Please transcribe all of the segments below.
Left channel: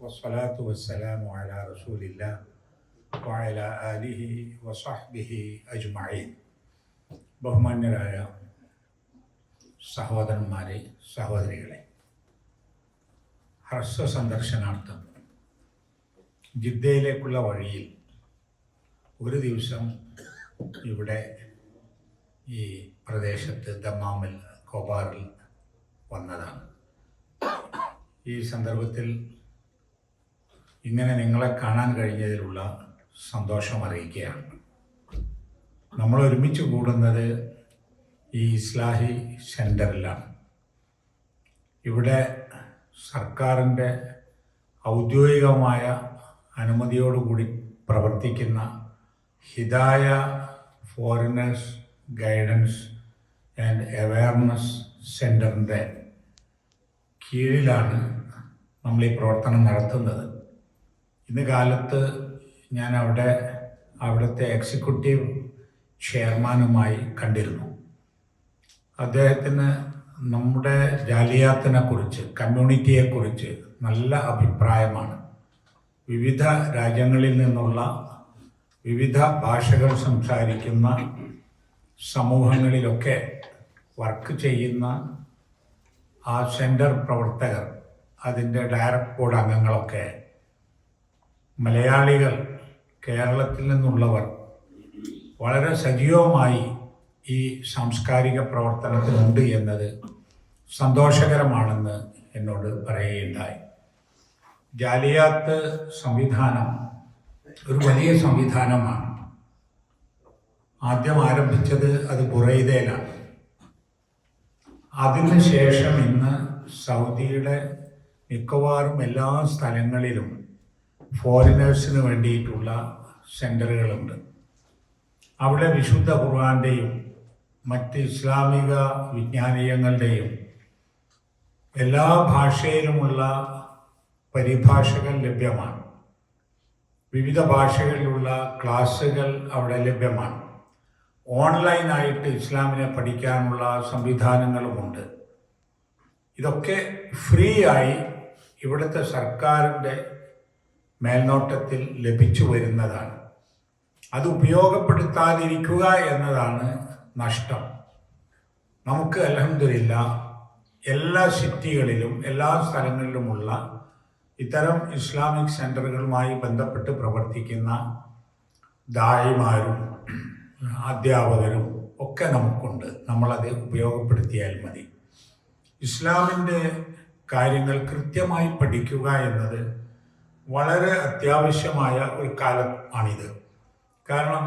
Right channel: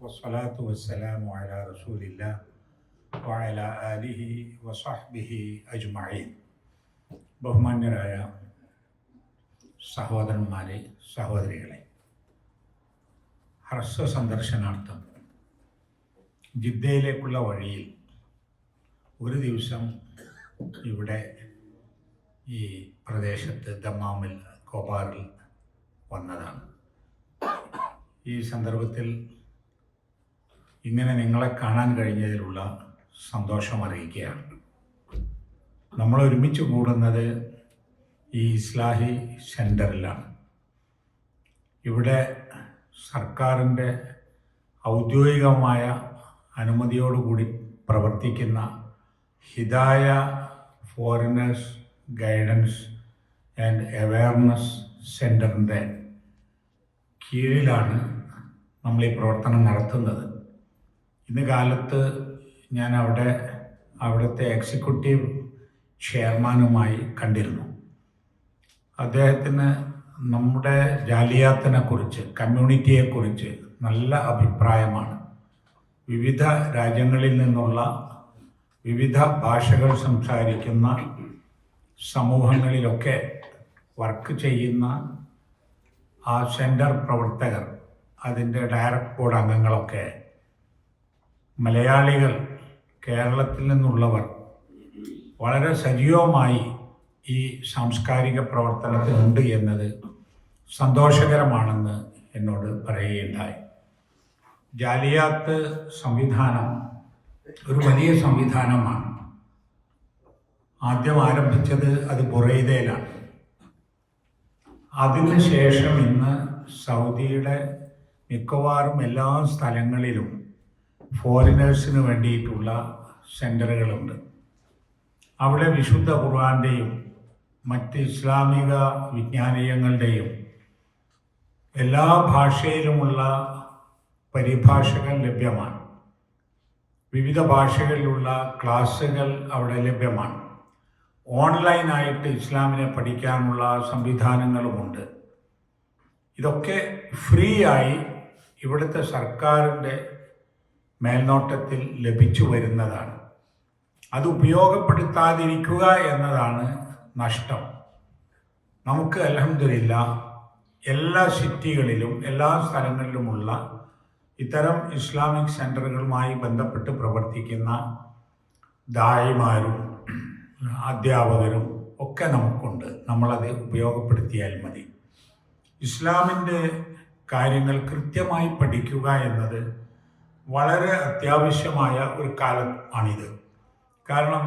വസ്സലാത്തു വസ്സലാമു അലാ റസൂലില്ലാ വഅലാ ആലിഹി വസഹ്ബിഹി അജ്മഈൻ. ബഹുമാന്യരായ സഹോദരന്മാരെ, സഹോദരികളെ, ഹ്രസ്വ സന്ദർശനാർത്ഥം ജിദ്ദയിലേക്കുള്ള വഴിയിൽ ഒരു ദിവസം ഇവിടെ ഈ പ്രദേശത്ത് ദമ്മാമിൽ കോബാറിൽ വന്നതാണ്. ഈ സന്ദർഭത്തിൽ ഇങ്ങനെ നിങ്ങളെ കാണാൻ കഴിഞ്ഞതിലുള്ള സന്തോഷം അറിയിക്കുകയാണ്. നമ്മൾ ഒരുമിച്ച് കൂടുന്നത് ഈ ഇസ്ലാഹി സെൻറ്ററിലാണ്. ഇവിടെ സർക്കാരിൻ്റെ ഔദ്യോഗികമായ അനുമതിയോടുകൂടി പ്രവർത്തിക്കുന്ന Hidaya foreigners guidance and awareness സെൻറ്ററിൻ്റെ കീഴിലാണ് നമ്മൾ ഈ പ്രവർത്തനം നടത്തുന്നത്. ഇന്ന് കാലത്ത് ഞാൻ അവിടുത്തെ എക്സിക്യൂട്ടീവ് ചെയർമാനുമായി കണ്ടിരുന്നു. അദ്ദേഹത്തിന് നമ്മുടെ ജാലിയാത്തിനെ കുറിച്ച്, കമ്മ്യൂണിറ്റിയെക്കുറിച്ച് നല്ല അഭിപ്രായമാണ്. വിവിധ രാജ്യങ്ങളിൽ നിന്നുള്ള വിവിധ ഭാഷകൾ സംസാരിക്കുന്ന സമൂഹങ്ങളിലൊക്കെ വർക്ക് ചെയ്യുന്ന ആ സെൻറ്റർ പ്രവർത്തകർ, അതിൻ്റെ ഡയറക്ട് ബോർഡ് അംഗങ്ങളൊക്കെ മലയാളികൾ, കേരളത്തിൽ നിന്നുള്ളവർ വളരെ സജീവമായി ഈ സാംസ്കാരിക പ്രവർത്തനത്തിനുണ്ട് എന്നത് സന്തോഷകരമാണെന്ന് എന്നോട് പറയുകയുണ്ടായി. ജാലിയാത്ത് സംവിധാനം ഒരു വലിയ സംവിധാനമാണ്. ആദ്യം ആരംഭിച്ചത് അത് ബുറൈദയിലാണ്. അതിനുശേഷം ഇന്ന് സൗദിയുടെ മിക്കവാറും എല്ലാ സ്ഥലങ്ങളിലും ഫോറിനേഴ്സിന് വേണ്ടിയിട്ടുള്ള സെൻ്ററുകളുണ്ട്. അവിടെ വിശുദ്ധ ഖുർആൻ്റെയും മറ്റ് ഇസ്ലാമിക വിജ്ഞാനീയങ്ങളുടെയും എല്ലാ ഭാഷയിലുമുള്ള പരിഭാഷകൾ ലഭ്യമാണ്. വിവിധ ഭാഷകളിലുള്ള ക്ലാസ്സുകൾ അവിടെ ലഭ്യമാണ്. ഓൺലൈനായിട്ട് ഇസ്ലാമിനെ പഠിക്കാനുള്ള സംവിധാനങ്ങളുമുണ്ട്. ഇതൊക്കെ ഫ്രീ ആയി ഇവിടുത്തെ സർക്കാരിൻ്റെ മേൽനോട്ടത്തിൽ ലഭിച്ചു വരുന്നതാണ്. അത് ഉപയോഗപ്പെടുത്താതിരിക്കുക എന്നതാണ് നഷ്ടം. നമുക്ക് അൽഹംദുലില്ലാഹ് എല്ലാ സിറ്റികളിലും എല്ലാ സ്ഥലങ്ങളിലുമുള്ള ഇത്തരം ഇസ്ലാമിക് സെൻ്ററുകളുമായി ബന്ധപ്പെട്ട് പ്രവർത്തിക്കുന്ന ദായിമാരും അധ്യാപകരും ഒക്കെ നമുക്കുണ്ട്. നമ്മളത് ഉപയോഗപ്പെടുത്തിയാൽ മതി. ഇസ്ലാമിൻ്റെ കാര്യങ്ങൾ കൃത്യമായി പഠിക്കുക എന്നത് വളരെ അത്യാവശ്യമായ ഒരു കാലം ആണിത്. കാരണം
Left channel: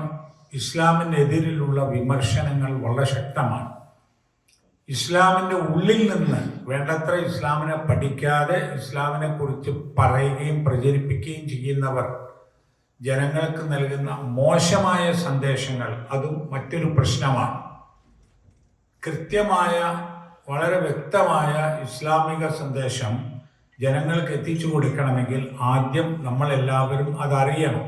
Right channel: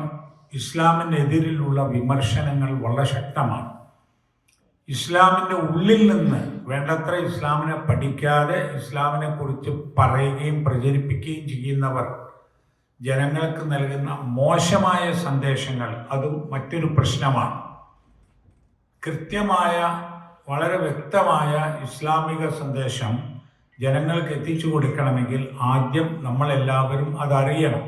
ഇസ്ലാമിനെതിരിലുള്ള വിമർശനങ്ങൾ വളരെ ശക്തമാണ്. ഇസ്ലാമിൻ്റെ ഉള്ളിൽ നിന്ന് വേണ്ടത്ര ഇസ്ലാമിനെ പഠിക്കാതെ ഇസ്ലാമിനെ കുറിച്ച് പറയുകയും പ്രചരിപ്പിക്കുകയും ചെയ്യുന്നവർ ജനങ്ങൾക്ക് നൽകുന്ന മോശമായ സന്ദേശങ്ങൾ അതും മറ്റൊരു പ്രശ്നമാണ്. കൃത്യമായ വളരെ വ്യക്തമായ ഇസ്ലാമിക സന്ദേശം ജനങ്ങൾക്ക് എത്തിച്ചു കൊടുക്കണമെങ്കിൽ ആദ്യം നമ്മളെല്ലാവരും അതറിയണം.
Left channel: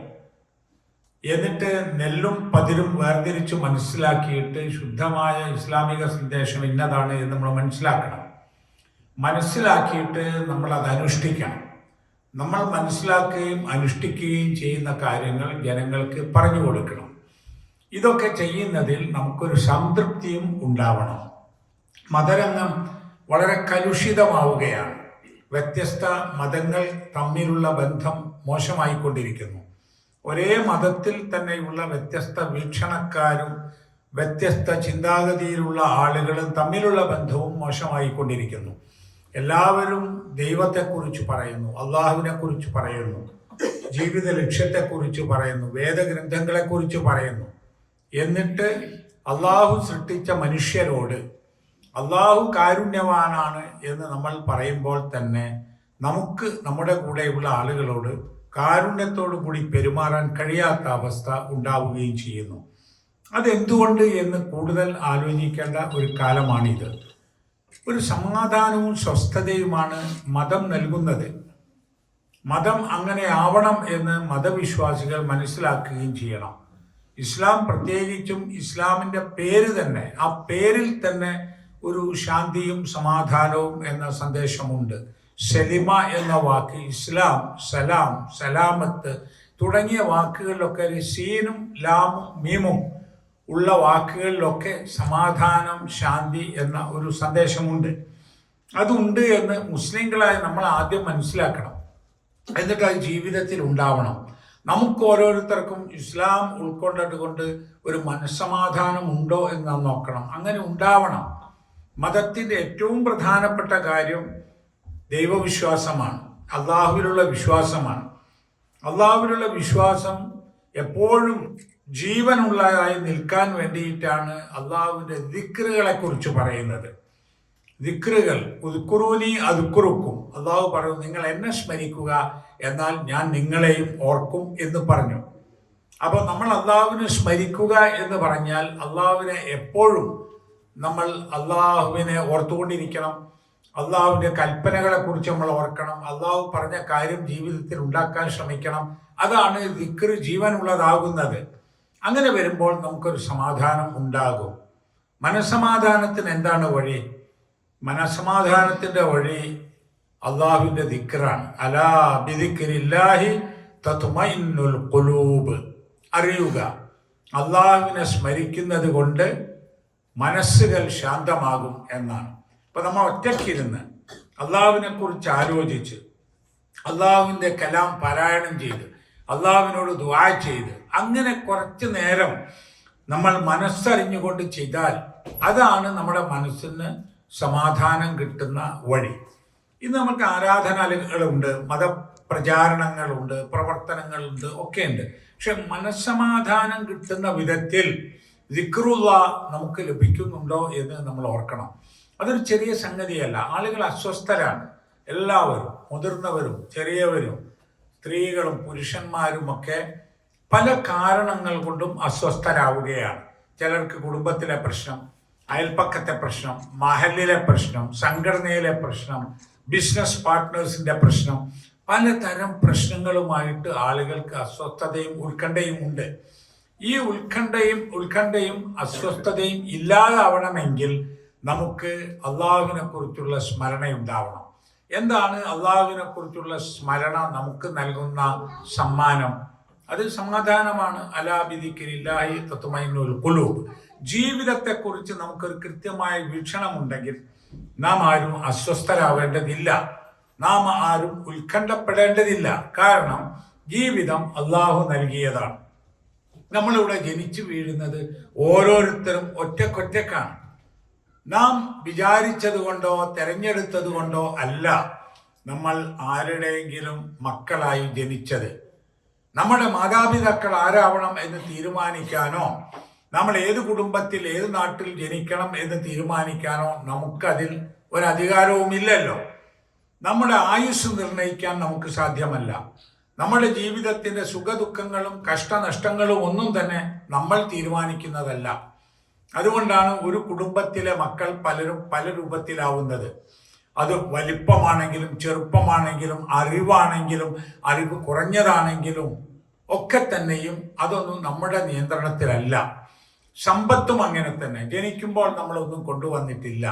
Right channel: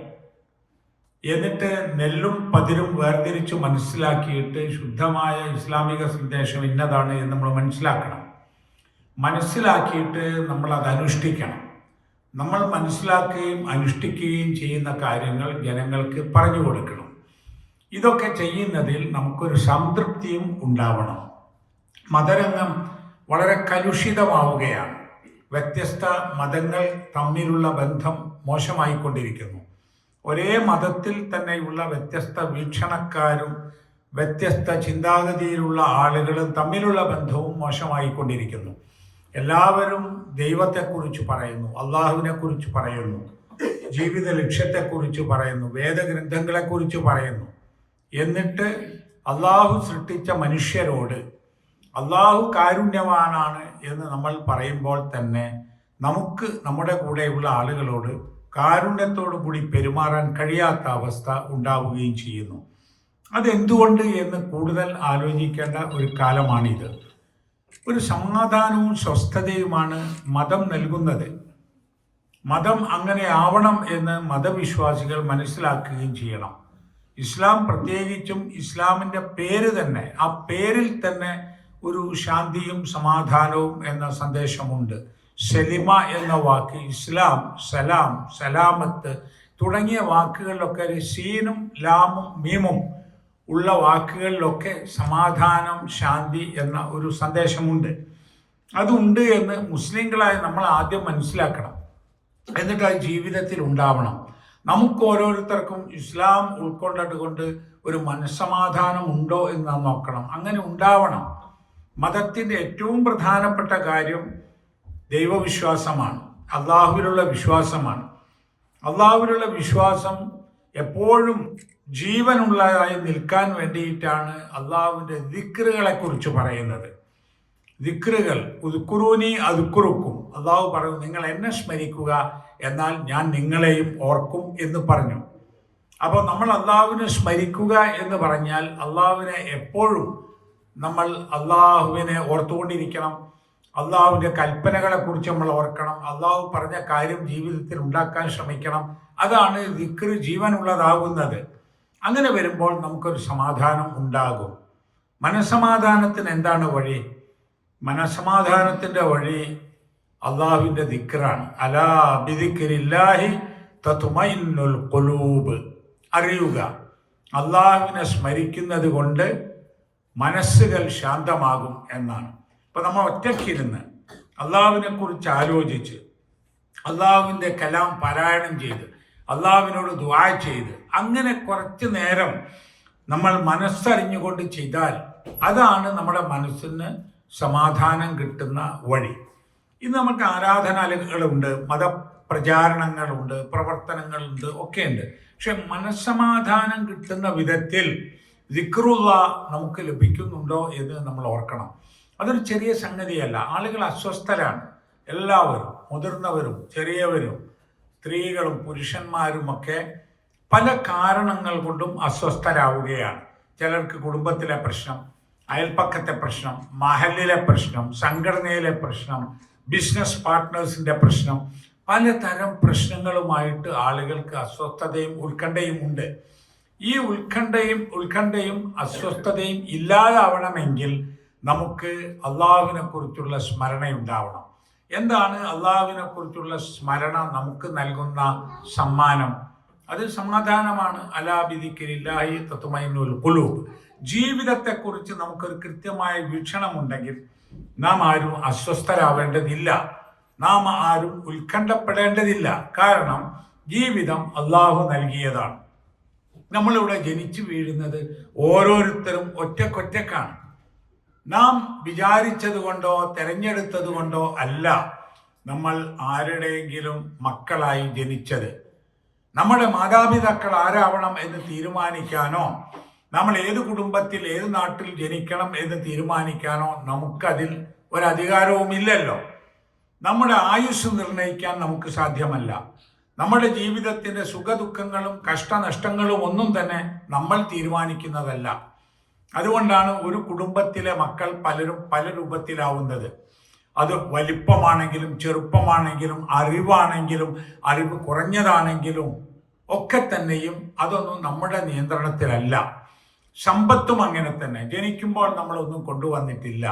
എന്നിട്ട് നെല്ലും പതിരും വേർതിരിച്ച് മനസ്സിലാക്കിയിട്ട് ശുദ്ധമായ ഇസ്ലാമിക സന്ദേശം ഇന്നതാണ് എന്ന് നമ്മൾ മനസ്സിലാക്കണം. മനസ്സിലാക്കിയിട്ട് നമ്മൾ അത് അനുഷ്ഠിക്കണം. നമ്മൾ മനസ്സിലാക്കുകയും അനുഷ്ഠിക്കുകയും ചെയ്യുന്ന കാര്യങ്ങൾ ജനങ്ങൾക്ക് പറഞ്ഞു കൊടുക്കണം. ഇതൊക്കെ ചെയ്യുന്നതിൽ നമുക്കൊരു സംതൃപ്തിയും ഉണ്ടാവണം. മതരംഗം വളരെ കലുഷിതമാവുകയാണ്. വ്യത്യസ്ത മതങ്ങൾ തമ്മിലുള്ള ബന്ധം മോശമായിക്കൊണ്ടിരിക്കുന്നു. ഒരേ മതത്തിൽ തന്നെയുള്ള വ്യത്യസ്ത വീക്ഷണക്കാരും വ്യത്യസ്ത ചിന്താഗതിയിലുള്ള ആളുകളും തമ്മിലുള്ള ബന്ധവും മോശമായിക്കൊണ്ടിരിക്കുന്നു. എല്ലാവരും ദൈവത്തെക്കുറിച്ച് പറയുന്നു, അള്ളാഹുവിനെ കുറിച്ച് പറയുന്നു, ജീവിത ലക്ഷ്യത്തെക്കുറിച്ച് പറയുന്നു, വേദഗ്രന്ഥങ്ങളെക്കുറിച്ച് പറയുന്നു. എന്നിട്ട് അള്ളാഹു സൃഷ്ടിച്ച മനുഷ്യരോട് അള്ളാഹു കാരുണ്യവാനാണ് എന്ന് നമ്മൾ പറയുമ്പോൾ തന്നെ നമുക്ക് നമ്മുടെ കൂടെയുള്ള ആളുകളോട് കാരുണ്യത്തോടു കൂടി പെരുമാറാൻ കഴിയാത്ത അവസ്ഥ ഉണ്ടാവുകയും ചെയ്യുന്നു. അതെന്തുകൊണ്ട് എന്ന് കൂടുതൽ ആലോചിക്കേണ്ട ഒരു കാലമാണിത്. ഒരു സമാധാനവും സ്വസ്ഥതയുമാണ് മതം നൽകുന്നത്. മതം അങ്ങനെ ആവണം എന്ന് മതവിശ്വാസികൾ മനസ്സിലാക്കുകയും ചെയ്യണം. ഇസ്ലാം പ്രത്യേകിച്ചും ഇസ്ലാമിൻ്റെ പേര് തന്നെ, ആ പേരിൽ തന്നെ ഒരു ശാന്തിയും സമാധാനവും എന്ന സന്ദേശമുണ്ട്. സെലിമ എന്ന വാക്ക്, ഇസ്ലാം, സലാം, സലാമത്ത് തുടങ്ങിയ വാക്കുകളിലൊക്കെ ഒരു സീനും ലാമും മീമും ഉള്ള വാക്കുകളിലൊക്കെ സമാധാനം, ശാന്തി എന്ന ഒരു സന്ദേശമുണ്ട്. അതുണ്ട് എന്ന് മുസ്ലിങ്ങളായി നമ്മൾ ആദ്യം മനസ്സിലാക്കണം. എന്നിട്ട് അത് ജീവിതത്തിൽ ഉണ്ടാവണം. നമുക്ക് ഓരോരുത്തർക്കും ഇസ്ലാം ഉൾക്കൊണ്ടത് കൊണ്ട് ഒരു മനസ്സമാധാനം ഉണ്ടോ എന്ന് നോക്കണം. അങ്ങനെ ഉണ്ടാവണം. മതത്തിൻ്റെ ഏറ്റവും പ്രധാനപ്പെട്ട കാര്യം ദൈവവിശ്വാസമാണ്, അള്ളാഹുവിലുള്ള വിശ്വാസമാണ്. അള്ളാഹുവിലുള്ള വിശ്വാസം എപ്പോഴും ജീവനുള്ളതായി നിൽക്കാൻ വേണ്ടിയിട്ടാണ് അള്ളാഹുവിൻ്റെ ദിക്റുകളെ കുറിച്ച് പറയുന്നത്. ദിക്റുകൾ, ഉദ്കുറൂനി അതുക്കുറുക്കും. അള്ളാഹു പറഞ്ഞു, നിങ്ങൾ എന്നെ സ്മരിക്കുക, എന്നാൽ ഞാൻ നിങ്ങളെയും ഓർക്കും എന്ന് പറഞ്ഞു. അപ്പോൾ നമ്മൾ അള്ളാഹുവിനെ സ്മരിക്കുക എന്ന് പറഞ്ഞാൽ അള്ളാഹുവിനെ എപ്പോഴും നമ്മൾ അള്ളാഹുവിനെ ഓർത്തുകൊണ്ടിരിക്കണം. അള്ളാഹുവിൻ്റെ കൽപ്പനകളെ കുറിച്ച് നമ്മൾ ഓർക്കണം. അള്ളാഹു പറഞ്ഞ കാര്യം ജീവിതത്തിൽ ഉണ്ടാക്കാൻ ശ്രമിക്കണം. അതാണ് ദിക്ർ ജീവനുള്ളതാകുന്നത്. അങ്ങനെ വരുമ്പോൾ നമുക്കൊരു സമാധാനം ഉണ്ടാകും. മനസ്സമാധാനത്തിന് എന്താണ് വഴി? മനസ്സമാധാനത്തിൻ്റെ വഴി അള്ളാഹുവിൻ്റെ ദിക്റാണ്. അലാ ബിദിക്രില്ലാഹി തത്മഇന്നുൽ ഖുലൂബ്. അറിയുക, അള്ളാഹുവിനെ സ്മരിക്കുന്നത് കൊണ്ട് മനസ്സുകൾ ശാന്തമാകും എന്നാണ്. ഇപ്പം നമ്മൾ ഒറ്റയ്ക്കിരുന്ന് അള്ളാഹുവിനെ കുറിച്ച് ആലോചിച്ച് അള്ളാഹുവിൻ്റെ കലാം പാരായണം ചെയ്ത് അള്ളാഹുവിനോട് ദുആ ചെയ്ത് അങ്ങനെ കുറച്ച് നേരം നമ്മൾ മനസ്സറിഞ്ഞുകൊണ്ട് ചെയ്താൽ അതാണ് നമ്മുടെ മനസ്സിന് സമാധാനം കിട്ടുന്ന വഴി. ഇന്ന് നമുക്ക് ആരാധനാലയങ്ങളുണ്ട്, മതപ്രചാരണങ്ങളുണ്ട്, പ്രവർത്തനങ്ങളുണ്ട്, ഒക്കെയുണ്ട്. പക്ഷെ മനസ്സമാധാനം കിട്ടുന്ന വിധത്തിൽ ദിക്റുള്ള നമുക്ക് ലഭിക്കുന്നുണ്ടോ എന്ന് നമ്മൾ ഓർക്കണം. അതൊരു ചെറിയ സംഗതിയല്ല. ആളുകൾ അസ്വസ്ഥരാണ്. എല്ലാവരും, മുതിർന്നവരും ചെറിയവരും സ്ത്രീകളും പുരുഷന്മാരും ഒക്കെ പല കാരണങ്ങൾ കൊണ്ടും അസ്വസ്ഥരാവുകയാണ്. ചിലർക്ക് കുടുംബത്തിലെ പ്രശ്നം, അയൽപ്പക്കത്തെ പ്രശ്നം, മഹലിലെ പ്രശ്നം, സംഘടനയിലെ പ്രശ്നം, ബിസിനസ് പാർട്ട്നേഴ്സിന്റെ പ്രശ്നം, പലതരം പ്രശ്നങ്ങളുമായിട്ട് ആളുകൾക്ക് അസ്വസ്ഥതയും ഉത്കണ്ഠയും ഉണ്ട്. ഈ ഉത്കണ്ഠയും അസ്വസ്ഥതയും ഇല്ലാതാവണമെങ്കിൽ നമുക്ക് അള്ളാഹുവിനെ കുറിച്ചുള്ള സ്മരണയുണ്ടാവണം. എന്താണ് അള്ളാഹുവിനെ കുറിച്ചുള്ള സ്മരണ നമുക്ക് നൽകുന്ന സമ്മാനം? അത് സമാധാനമാണ്. അലാ ബിദിക്രില്ലാഹി തത്മഇന്നുൽ ഖുലൂബ്. ജീവിതത്തെക്കുറിച്ച് നമുക്കൊരു കൃത്യമായ വീക്ഷണമുണ്ടെങ്കിൽ നാം ആരും അസ്വസ്ഥരാവേണ്ടതില്ല, നാം ആരും ഉത്കണ്ഠപ്പെടേണ്ടതില്ല. കാരണം ജീവിതം അള്ളാഹു നൽകിയതാണ്. നമ്മളിവിടെ ജനിച്ചു വീഴുന്നത് ഓരോരുത്തരും ഒറ്റക്കൊറ്റക്കാണ്. നാം വിചാരിച്ചത് കൊണ്ടോ തെരഞ്ഞെടുത്തത് കൊണ്ടോ അല്ല നമ്മൾ ആരുടെയെങ്കിലും മക്കളായി ജനിച്ചത്. നമ്മുടെ മാതാപിതാക്കൾ ആരാവണം എന്ന് തീരുമാനിക്കാനോ നമ്മൾ ഏത് കുടുംബത്തിൽ ഏത് നാട്ടിൽ ജനിക്കണം എന്ന് തീരുമാനിക്കാനോ നമുക്കതിൽ ഒരധികാരവുമില്ലല്ലോ. നമ്മുടെ ആയുസ് നിർണ്ണയിക്കാൻ നമുക്ക് സാധ്യമല്ല. നമ്മുടെ ജീവിതത്തിൻ്റെ സുഖദുഃഖങ്ങളും കഷ്ടനഷ്ടങ്ങളും ഒന്നും തന്നെ നമ്മൾ തീരുമാനിക്കുന്നതല്ല. അതുകൊണ്ടാണ് ഒരു കുടുംബത്തിലെ മക്കൾ പലരും പല രൂപത്തിലാവുന്നത്. അത് വലിപ്പമാണെങ്കിലും ചെറുപ്പമാണെങ്കിലും അറിവാണെങ്കിലും അറിവ് കുറഞ്ഞതാണെങ്കിലും ഒക്കെ തന്നെയും അതൊന്നും നമ്മുടെ നിയന്ത്രണത്തിലല്ല. സമ്പത്തും അങ്ങനെ തന്നെ. ജനിക്കുമ്പോൾ നമ്മളൊന്നും കൊണ്ടുവന്നിട്ടില്ല,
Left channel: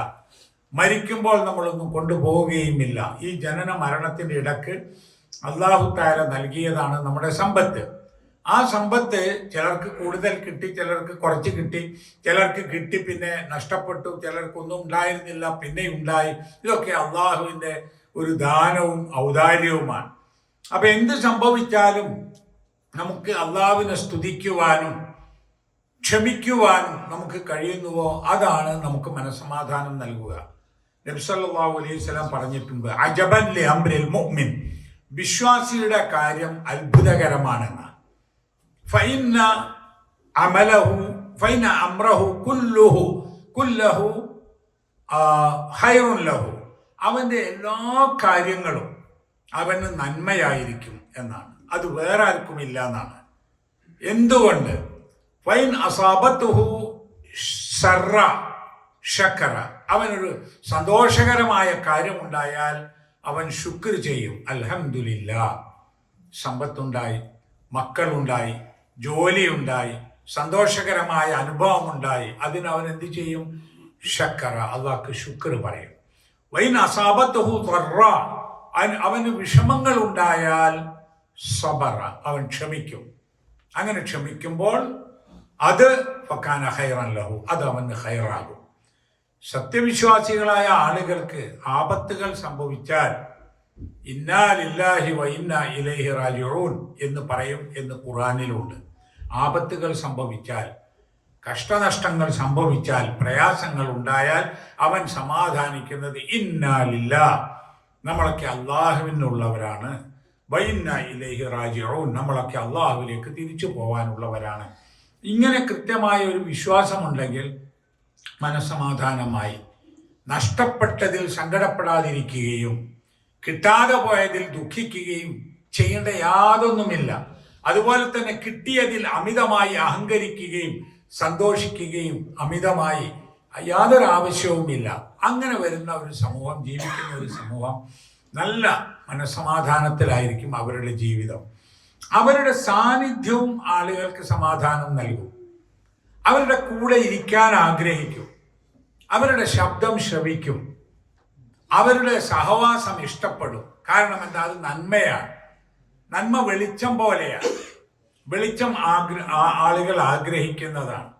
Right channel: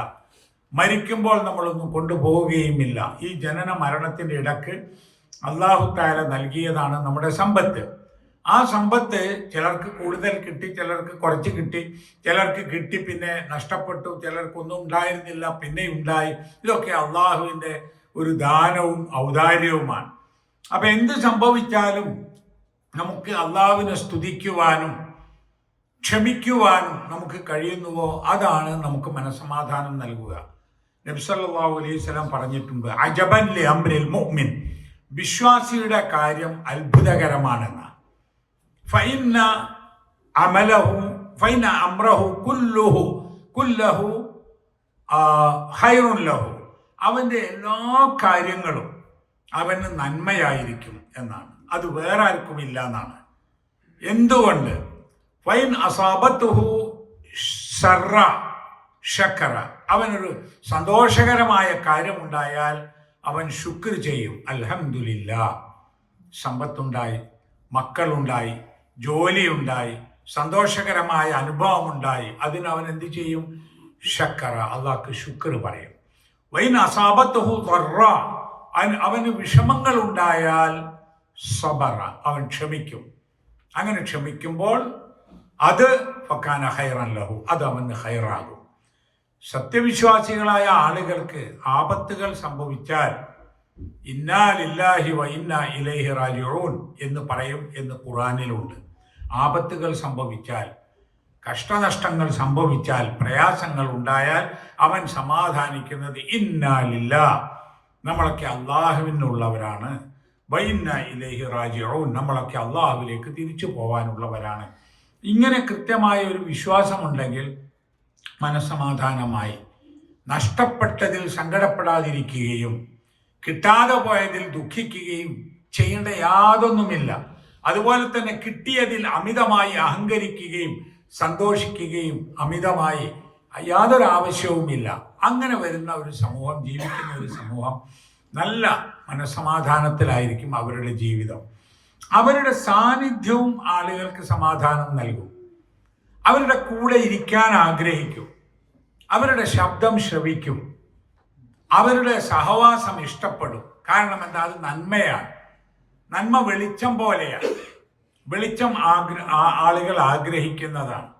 മരിക്കുമ്പോൾ നമ്മളൊന്നും കൊണ്ടുപോവുകയുമില്ല. ഈ ജനന മരണത്തിൻ്റെ ഇടക്ക് അല്ലാഹു തആല നൽകിയതാണ് നമ്മുടെ സമ്പത്ത്. ആ സമ്പത്ത് ചിലർക്ക് കൂടുതൽ കിട്ടി, ചിലർക്ക് കുറച്ച് കിട്ടി, ചിലർക്ക് കിട്ടി പിന്നെ നഷ്ടപ്പെട്ടു, ചിലർക്കൊന്നും ഉണ്ടായിരുന്നില്ല പിന്നെ ഉണ്ടായി. ഇതൊക്കെ അള്ളാഹുവിൻ്റെ ഒരു ദാനവും ഔദാര്യവുമാണ്. അപ്പൊ എന്ത് സംഭവിച്ചാലും നമുക്ക് അള്ളാഹുവിനെ സ്തുതിക്കുവാനും ക്ഷമിക്കുവാനും നമുക്ക് കഴിയുന്നുവോ അതാണ് നമുക്ക് മനസ്സമാധാനം നൽകുക. നബി സല്ലല്ലാഹു അലൈഹി വസല്ലം പറഞ്ഞിട്ടുണ്ട്, അജബൻ ലി അംറിൽ മുഅ്മിൻ, വിശ്വാസിയുടെ കാര്യം അത്ഭുതകരമാണെന്ന്. ഫഇന്ന അംറഹു കുല്ലഹു ഖൈറുൻ ലഹു, അവൻ്റെ എല്ലാ കാര്യങ്ങളും അവന് നന്മയായിരിക്കും എന്നാണ്. അത് വേറെ ആർക്കുമില്ല എന്നാണ്. എന്തുകൊണ്ട്? ഫൈൻ അസാബത്തുഹു ശർറ ശക്കറ, അവനൊരു സന്തോഷകരമായ കാര്യമുണ്ടായാൽ അവൻ ശുക്ർ ചെയ്യും. അൽഹംദുലില്ലാ, സമ്പത്തുണ്ടായി, മക്കളുണ്ടായി, ജോലിയുണ്ടായി, സന്തോഷകരമായ അനുഭവമുണ്ടായി, അതിനവൻ എന്ത് ചെയ്യും? ശക്കറ, അള്ളാഹ്ക്ക് ശുക്ർ പറയും. വൈൻ അസാബത്തുഹു ദർറ, അവന് വിഷമങ്ങൾ ഉണ്ടായാൽ സബറ, അവൻ ക്ഷമിക്കും. അങ്ങനെ ക്ഷമിക്കുമ്പോൾ അത് ഫകാന ഖൈറൻ ലഹു, അത് അവന് ഖൈറാകും. സത്യവിശ്വാസികളായ ആളുകൾക്ക് ആപത്തുകൾ സംഭവിച്ചാൽ ഇന്നാ ലില്ലാഹി വ ഇന്നാ ഇലൈഹി റാജിഊൻ എന്ന് പറയും എന്ന് ഖുർആനിലുണ്ട്. ആപത്തുകൾ സംഭവിച്ചാൽ, കഷ്ടനഷ്ടങ്ങൾ സംഭവിച്ചാൽ, പ്രയാസങ്ങൾ ഉണ്ടായാൽ അവൻ സമാധാനിക്കുന്നത് ഇന്നാ ലില്ലാഹ്, നമ്മളൊക്കെ അള്ളാഹുവിനുള്ളവരാണ്, വ ഇന്നാ ഇലൈഹി റാജിഊൻ, നമ്മളൊക്കെ അള്ളാഹുവിലേക്ക് തിരിച്ചു പോകാനുള്ളവരാണ്. ഇങ്ങനെ കൃത്യമായ ഒരു വിശ്വാസമുണ്ടെങ്കിൽ മനസ്സമാധാനമായി നഷ്ടപ്പെട്ടതിൽ സങ്കടപ്പെടാതിരിക്കുകയും കിട്ടാതെ പോയതിൽ ദുഃഖിക്കുകയും ചെയ്യേണ്ട യാതൊന്നുമില്ല. അതുപോലെ തന്നെ കിട്ടിയതിൽ അമിതമായി അഹങ്കരിക്കുകയും സന്തോഷിക്കുകയും അമിതമായി യാതൊരു ആവശ്യവുമില്ല. അങ്ങനെ വരുന്ന ഒരു സമൂഹം, ജീവിക്കുന്ന ഒരു സമൂഹം നല്ല മനസ്സമാധാനത്തിലായിരിക്കും അവരുടെ ജീവിതം. അവരുടെ സാന്നിധ്യവും ആളുകൾക്ക് സമാധാനം നൽകും. അവരുടെ കൂടെ ഇരിക്കാൻ ആഗ്രഹിക്കും, അവരുടെ ശബ്ദം ശ്രവിക്കും, അവരുടെ സഹവാസം ഇഷ്ടപ്പെടും. കാരണം എന്താ? അത് നന്മയാണ്. നന്മ വെളിച്ചം പോലെയാണ്. വെളിച്ചം ആളുകൾ ആഗ്രഹിക്കുന്നതാണ്.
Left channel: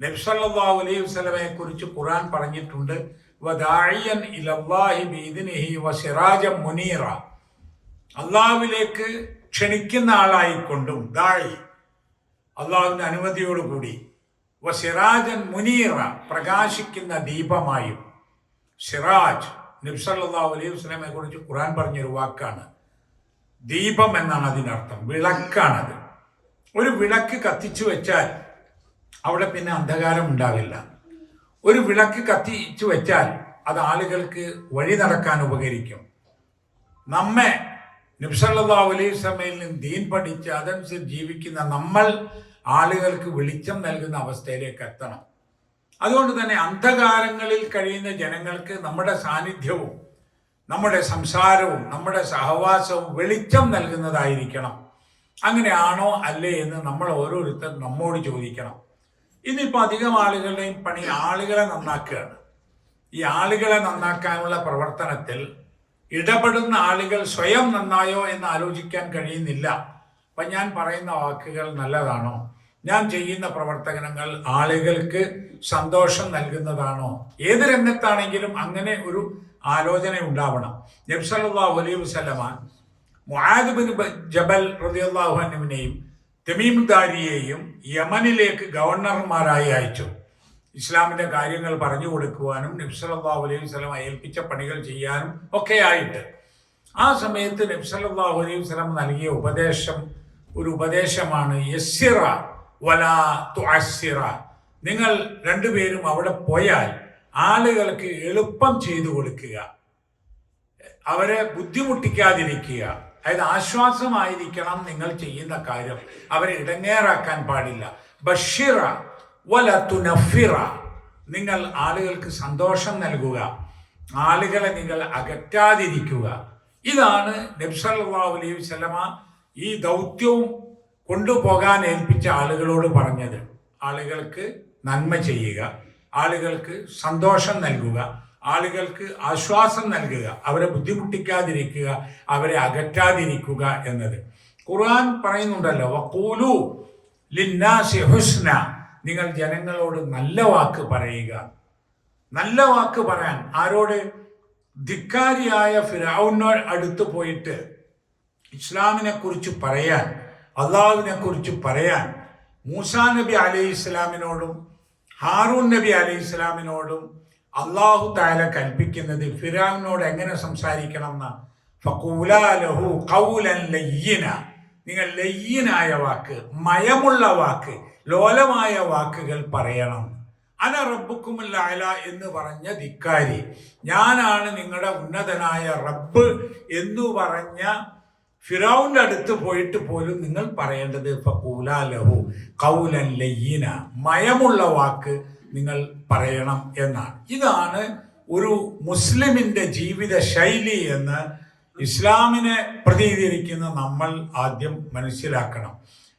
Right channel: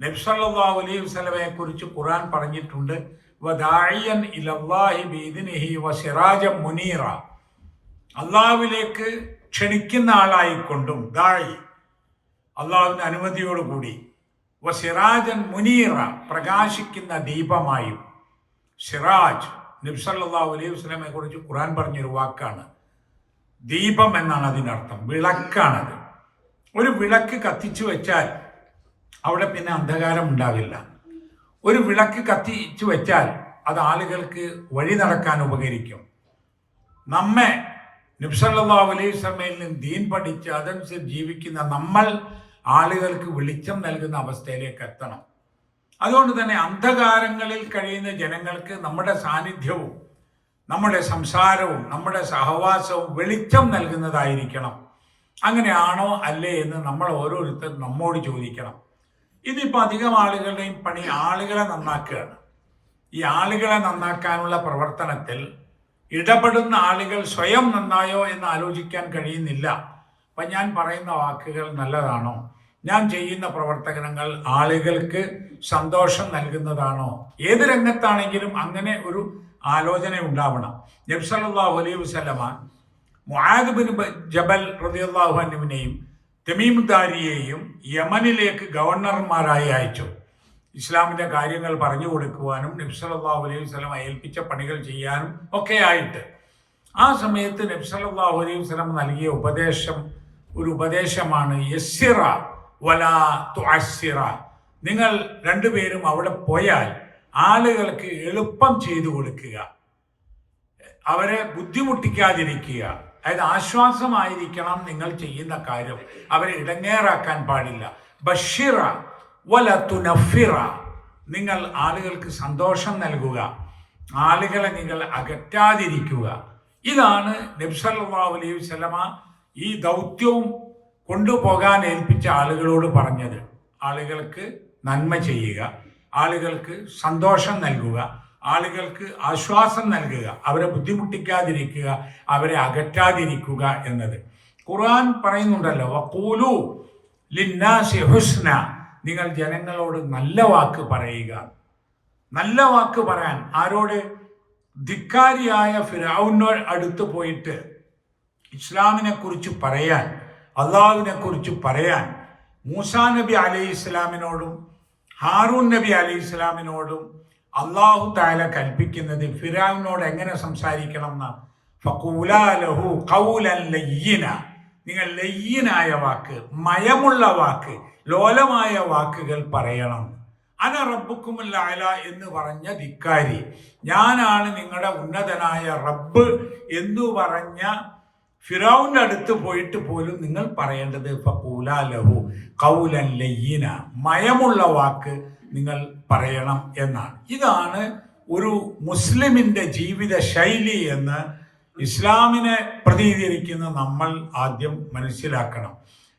നബി സല്ലല്ലാഹു അലൈഹി വസല്ലമയെ കുറിച്ച് ഖുർആൻ പറഞ്ഞിട്ടുണ്ട്, വദാഇയൻ ഇലല്ലാഹി ബിഇദ്നിഹി വസിറാജൻ മുനീറ, അള്ളാഹുവിലേക്ക് ക്ഷണിക്കുന്ന ആളായിക്കൊണ്ടും, ദായി അള്ളാഹുവിന്റെ അനുമതിയോടുകൂടി, വസിറാജൻ മുനീറ പ്രകാശിക്കുന്ന ദീപമായും. സിറാജ് നബി സല്ലല്ലാഹു അലൈഹി വസല്ലമയെ കുറിച്ച് ഖുർആൻ പറഞ്ഞൊരു വാക്കാണ്. ദീപം എന്നാണ് അതിനർത്ഥം, വിളക്കാണത്. ഒരു വിളക്ക് കത്തിച്ചു വെച്ചാൽ അവിടെ പിന്നെ അന്ധകാരം ഉണ്ടാവില്ല. ഒരു വിളക്ക് കത്തിച്ചു വെച്ചാൽ അത് ആളുകൾക്ക് വഴി നടക്കാൻ ഉപകരിക്കും. നമ്മെ നബി സല്ലല്ലാഹു അലൈഹി വസല്ലമയിൽ നിന്ന് ദീൻ പഠിച്ച് അതനുസരിച്ച് ജീവിക്കുന്ന നമ്മൾ ആളുകൾക്ക് വെളിച്ചം നൽകുന്ന അവസ്ഥയിലേക്ക് എത്തണം. അതുകൊണ്ട് തന്നെ അന്ധകാരങ്ങളിൽ കഴിയുന്ന ജനങ്ങൾക്ക് നമ്മുടെ സാന്നിധ്യവും നമ്മുടെ സംസാരവും നമ്മുടെ സഹവാസവും വെളിച്ചം നൽകുന്നതായിരിക്കണം. അങ്ങനെയാണോ അല്ലേ എന്ന് നമ്മൾ ഓരോരുത്തരും നമ്മോട് ചോദിക്കണം. ഇന്നിപ്പോൾ അധികം ആളുകളുടെയും പണി ആളുകളെ നന്നാക്കുകയാണ്. ഈ ആളുകളെ നന്നാക്കാനുള്ള പ്രവർത്തനത്തിൽ ഇടപെടുന്ന ആളുകൾ സ്വയം നന്നായോ എന്ന് ആലോചിക്കാൻ കഴിയുന്നില്ല. അപ്പം ഞാൻ പറയുന്ന വാക്കുകൾ നല്ലതാണോ, ഞാൻ ചെയ്യുന്ന പ്രവർത്തനങ്ങൾ ആളുകൾക്ക് സന്തോഷം നൽകുന്നതാണോ? ഏത് രംഗത്താണെങ്കിലും അങ്ങനെ ഒരു ആലോചന ഉണ്ടാവണം. നബി സല്ലല്ലാഹു അലൈഹി വസല്ലമ മുആദ് ബിൻ ജബൽ റളിയല്ലാഹു അൻഹുവിനെയും തമീം ദാരിയെയും യമനിലേക്ക് ഗവർണർമാരായി അയച്ചു. ഇസ്ലാമിന്റെ കാര്യങ്ങൾ പറഞ്ഞു കൊടുക്കുവാനും നബി സല്ലല്ലാഹു അലൈഹി വസല്ലമ ഏൽപ്പിച്ച പണികൾ ചെയ്യാനും ഒക്കെ ആയിട്ട്. ആ സമയത്ത് നബി സല്ലല്ലാഹു അലൈഹി വസല്ലമ നൽകിയ ഒരു ഉപദേശമാണ് യസ്സിറ വലാ തുഅസ്സിറ. നിങ്ങൾ രണ്ടുപേരും അവിടെ പോയാൽ ആളുകൾക്ക് എളുപ്പം ചെയ്തു കൊടുക്കുക, അവരെ ബുദ്ധിമുട്ടിക്കാതിരിക്കുക. അതായത് ആശ്വാസമായിരിക്കണം നിങ്ങൾ ചെയ്യുന്ന കാര്യം, അവരെ ഇടങ്ങേറാക്കാൻ പാടില്ല. ബഷിറ വല തുനഫിറ, നിങ്ങൾ ആളുകൾക്ക് സന്തോഷം നൽകുക, ആളുകളെ നിങ്ങൾ അകറ്റാതിരിക്കുക. ഇതാണ് നബി സല്ലല്ലാഹു അലൈഹി വസല്ലമ ഈ ദൗത്യവും കൊണ്ടുപോകാൻ ഏൽപ്പിച്ച ആളുകളോട് പറഞ്ഞത്. ആളുകൾക്ക് നന്മ ചെയ്യുക, ആളുകൾക്ക് സന്തോഷം നൽകുക, ആളുകൾക്ക് ആശ്വാസം നൽകുക, അവരെ ബുദ്ധിമുട്ടിക്കാതിരിക്കുക, അവരെ അകറ്റാതിരിക്കുക എന്നത്. ഖുർആൻ പറയുന്നുണ്ടല്ലോ, വഖൂലു ലിന്നാസി ഹുസ്ന, നിങ്ങൾ ജനങ്ങളോട് നല്ല വാക്ക് പറയുക. നല്ല വാക്ക് പറയാൻ ആരോട്? ധിക്കാരിയായ ഫിർഔനോട് അടുത്ത് പോയിട്ട് ഇസ്ലാമിനെ കുറിച്ച് പറയാൻ, അള്ളാഹുവിനെ കുറിച്ച് പറയാൻ മൂസാ നബി അലൈഹി ഇസ്ലാമിനോടും ഹാറൂൻ നബി അലൈഹി ഇസ്ലാമിനോടും അള്ളാഹു തആല കൽപ്പിക്കുന്നത് ഫിർഔനോട് എങ്ങനെ സംസാരിക്കണം എന്നാണ്. ഫഖൂലാ ലഹു ഖൗലൻ ലയ്യിന, നിങ്ങൾ ലയ്യിനായ വാക്ക്, മയമുള്ള വാക്ക്, ലോലമായ വാക്കുകൾ പറയണം. അന റബ്ബുക്കുമുൽ അഅല എന്ന് പറഞ്ഞ ധിക്കാരി, ഞാനാണ് നിങ്ങളുടെ ഉന്നതനായ റബ്ബ് എന്ന് പറഞ്ഞ ഫിറൗന്റെ അടുത്ത് പോയിട്ട് പോലും നിങ്ങൾ പറയേണ്ടത് ഫഖൂലാ ലഹു ഖൗലൻ ലയ്യിന, മയമുള്ള വാക്ക് നിങ്ങൾ പറയണം എന്നാണ്. ഇതാണ് ഒരു മുസ്ലിമിന്റെ ജീവിത ശൈലി എന്ന് ഇസ്ലാമിനെ പ്രതിനിധീകരിക്കുന്ന നമ്മൾ ആദ്യം മനസ്സിലാക്കണം.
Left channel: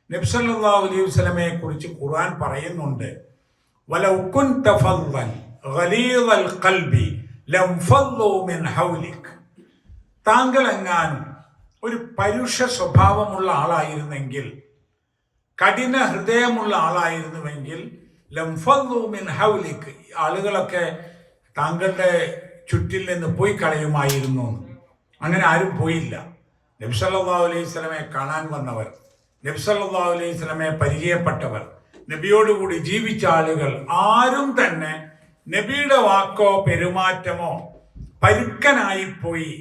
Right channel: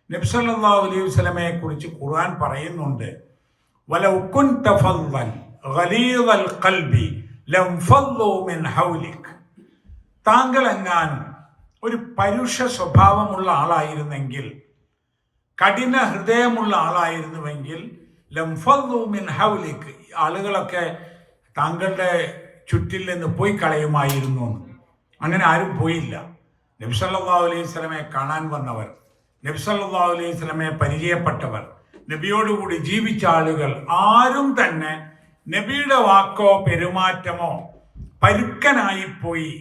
നബി സല്ലല്ലാഹു അലൈഹി വസല്ലമയെ കുറിച്ച് ഖുർആൻ പറയുന്നുണ്ട്, വലൗ കുൻത ഫദ്ദൻ ഗലീദൽ ഖൽബി ലംഫദ്ദു മിൻ ഹൗലിക്. താങ്കൾ എങ്ങാനും ഒരു പരുഷ സ്വഭാവമുള്ള ആളായിരുന്നെങ്കിൽ, കഠിന ഹൃദയമുള്ള ആളായിരുന്നുവെങ്കിൽ ലംഫദ്ദു മിൻ ഹൗലിക്, ആളുകളൊക്കെ താങ്കളുടെ ചുറ്റിൽ നിന്ന് പോയി കളയുമായിരുന്നു. അങ്ങനെ ആരും പോയില്ല. നബി സല്ലല്ലാഹു അലൈഹി വസല്ലമയെ കാണാൻ വന്നവർ, നബി സല്ലല്ലാഹു അലൈഹി വസല്ലമയെ പരിചയപ്പെട്ടവർ, നബിയോടുകൂടി ജീവിച്ച ആളുകൾ ആരും തന്നെ നബിയുടെ വാക്കോ പെരുമാറ്റമോ പരുക്കനായിപ്പോയി,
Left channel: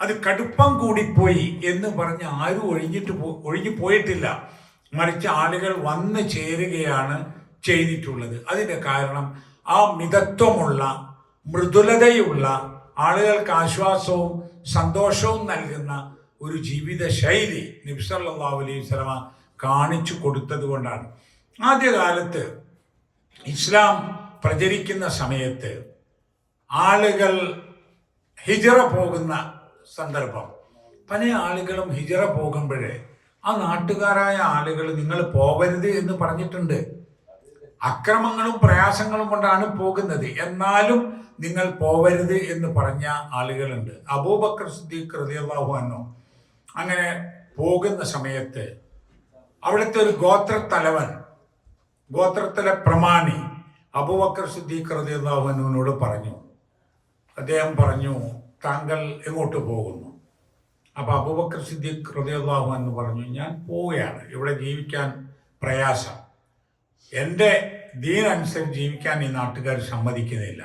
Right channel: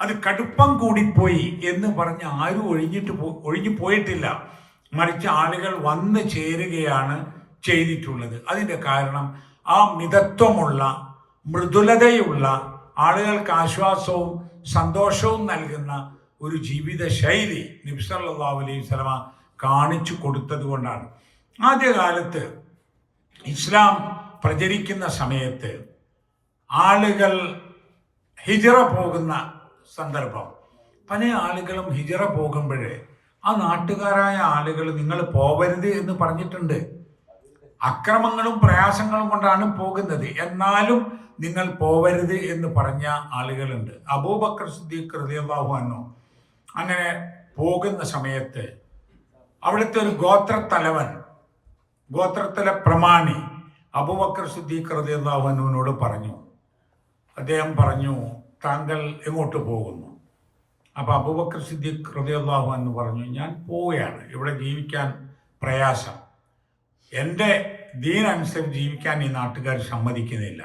അത് കടുപ്പം കൂടിപ്പോയി എന്ന് പറഞ്ഞ് ആരും ഒഴിഞ്ഞു പോയിട്ടില്ല. മറിച്ച് ആളുകൾ വന്നു ചേരുകയാണ് ചെയ്തിട്ടുള്ളത്. അതിൻ്റെ കാരണം ആ മിതത്വമുള്ള, മൃദുലതയുള്ള, ആളുകൾക്ക് ആശ്വാസവും സന്തോഷവും നൽകുന്ന ഒരു ജീവിത ശൈലി നബി സല്ലല്ലാഹു അലൈഹി വസല്ലമ കാണിച്ചു കൊടുത്തത് കൊണ്ടാണ്. ആദ്യകാലത്ത് ഇസ്ലാം പ്രചരിക്കുന്ന സമയത്ത് ആളുകൾ ഹിജറ പോകുന്ന സന്ദർഭം, പല ആളുകളും ഹിജറ പോകുമ്പോഴേ ആ നാട്ടുകാരായ ആളുകൾ നിങ്ങൾ പോകരുത് എന്ന് പറഞ്ഞിട്ടുണ്ട്. അക്രമങ്ങളും പ്രയാസങ്ങളും കൊണ്ടാണ് പോകുന്നത്, എന്നാലും നിങ്ങൾ പോവരുത് എന്ന് പറഞ്ഞ ആളുകളുണ്ട്. അബൂബക്കർ സിദ്ദീഖ് റളിയല്ലാഹു അൻഹു അങ്ങനെ പോകുന്ന സമയത്ത് അവിടുത്തെ ഒരു ഗോത്രത്തലവൻ, ഗോത്രത്തിലെ പ്രമാണി അബൂബക്കർ സിദ്ദീഖ് റളിയല്ലാഹു അൻഹുവിനോട് പറഞ്ഞു, അദ്ദേഹം പറഞ്ഞു, താങ്കൾ എങ്ങോട്ട് പോകുന്നു? അപ്പോൾ അബൂബക്കർ സിദ്ദീഖ് റളിയല്ലാഹു അൻഹു പറഞ്ഞു, ഞാൻ പോവുകയാണ്, ഇവിടെ ജീവിക്കാൻ പ്രയാസം, എൻ്റെ ദീൻ അനുസരിച്ച് ജീവിക്കാൻ ഈ നാട്ടുകാർ സമ്മതിക്കുന്നില്ല.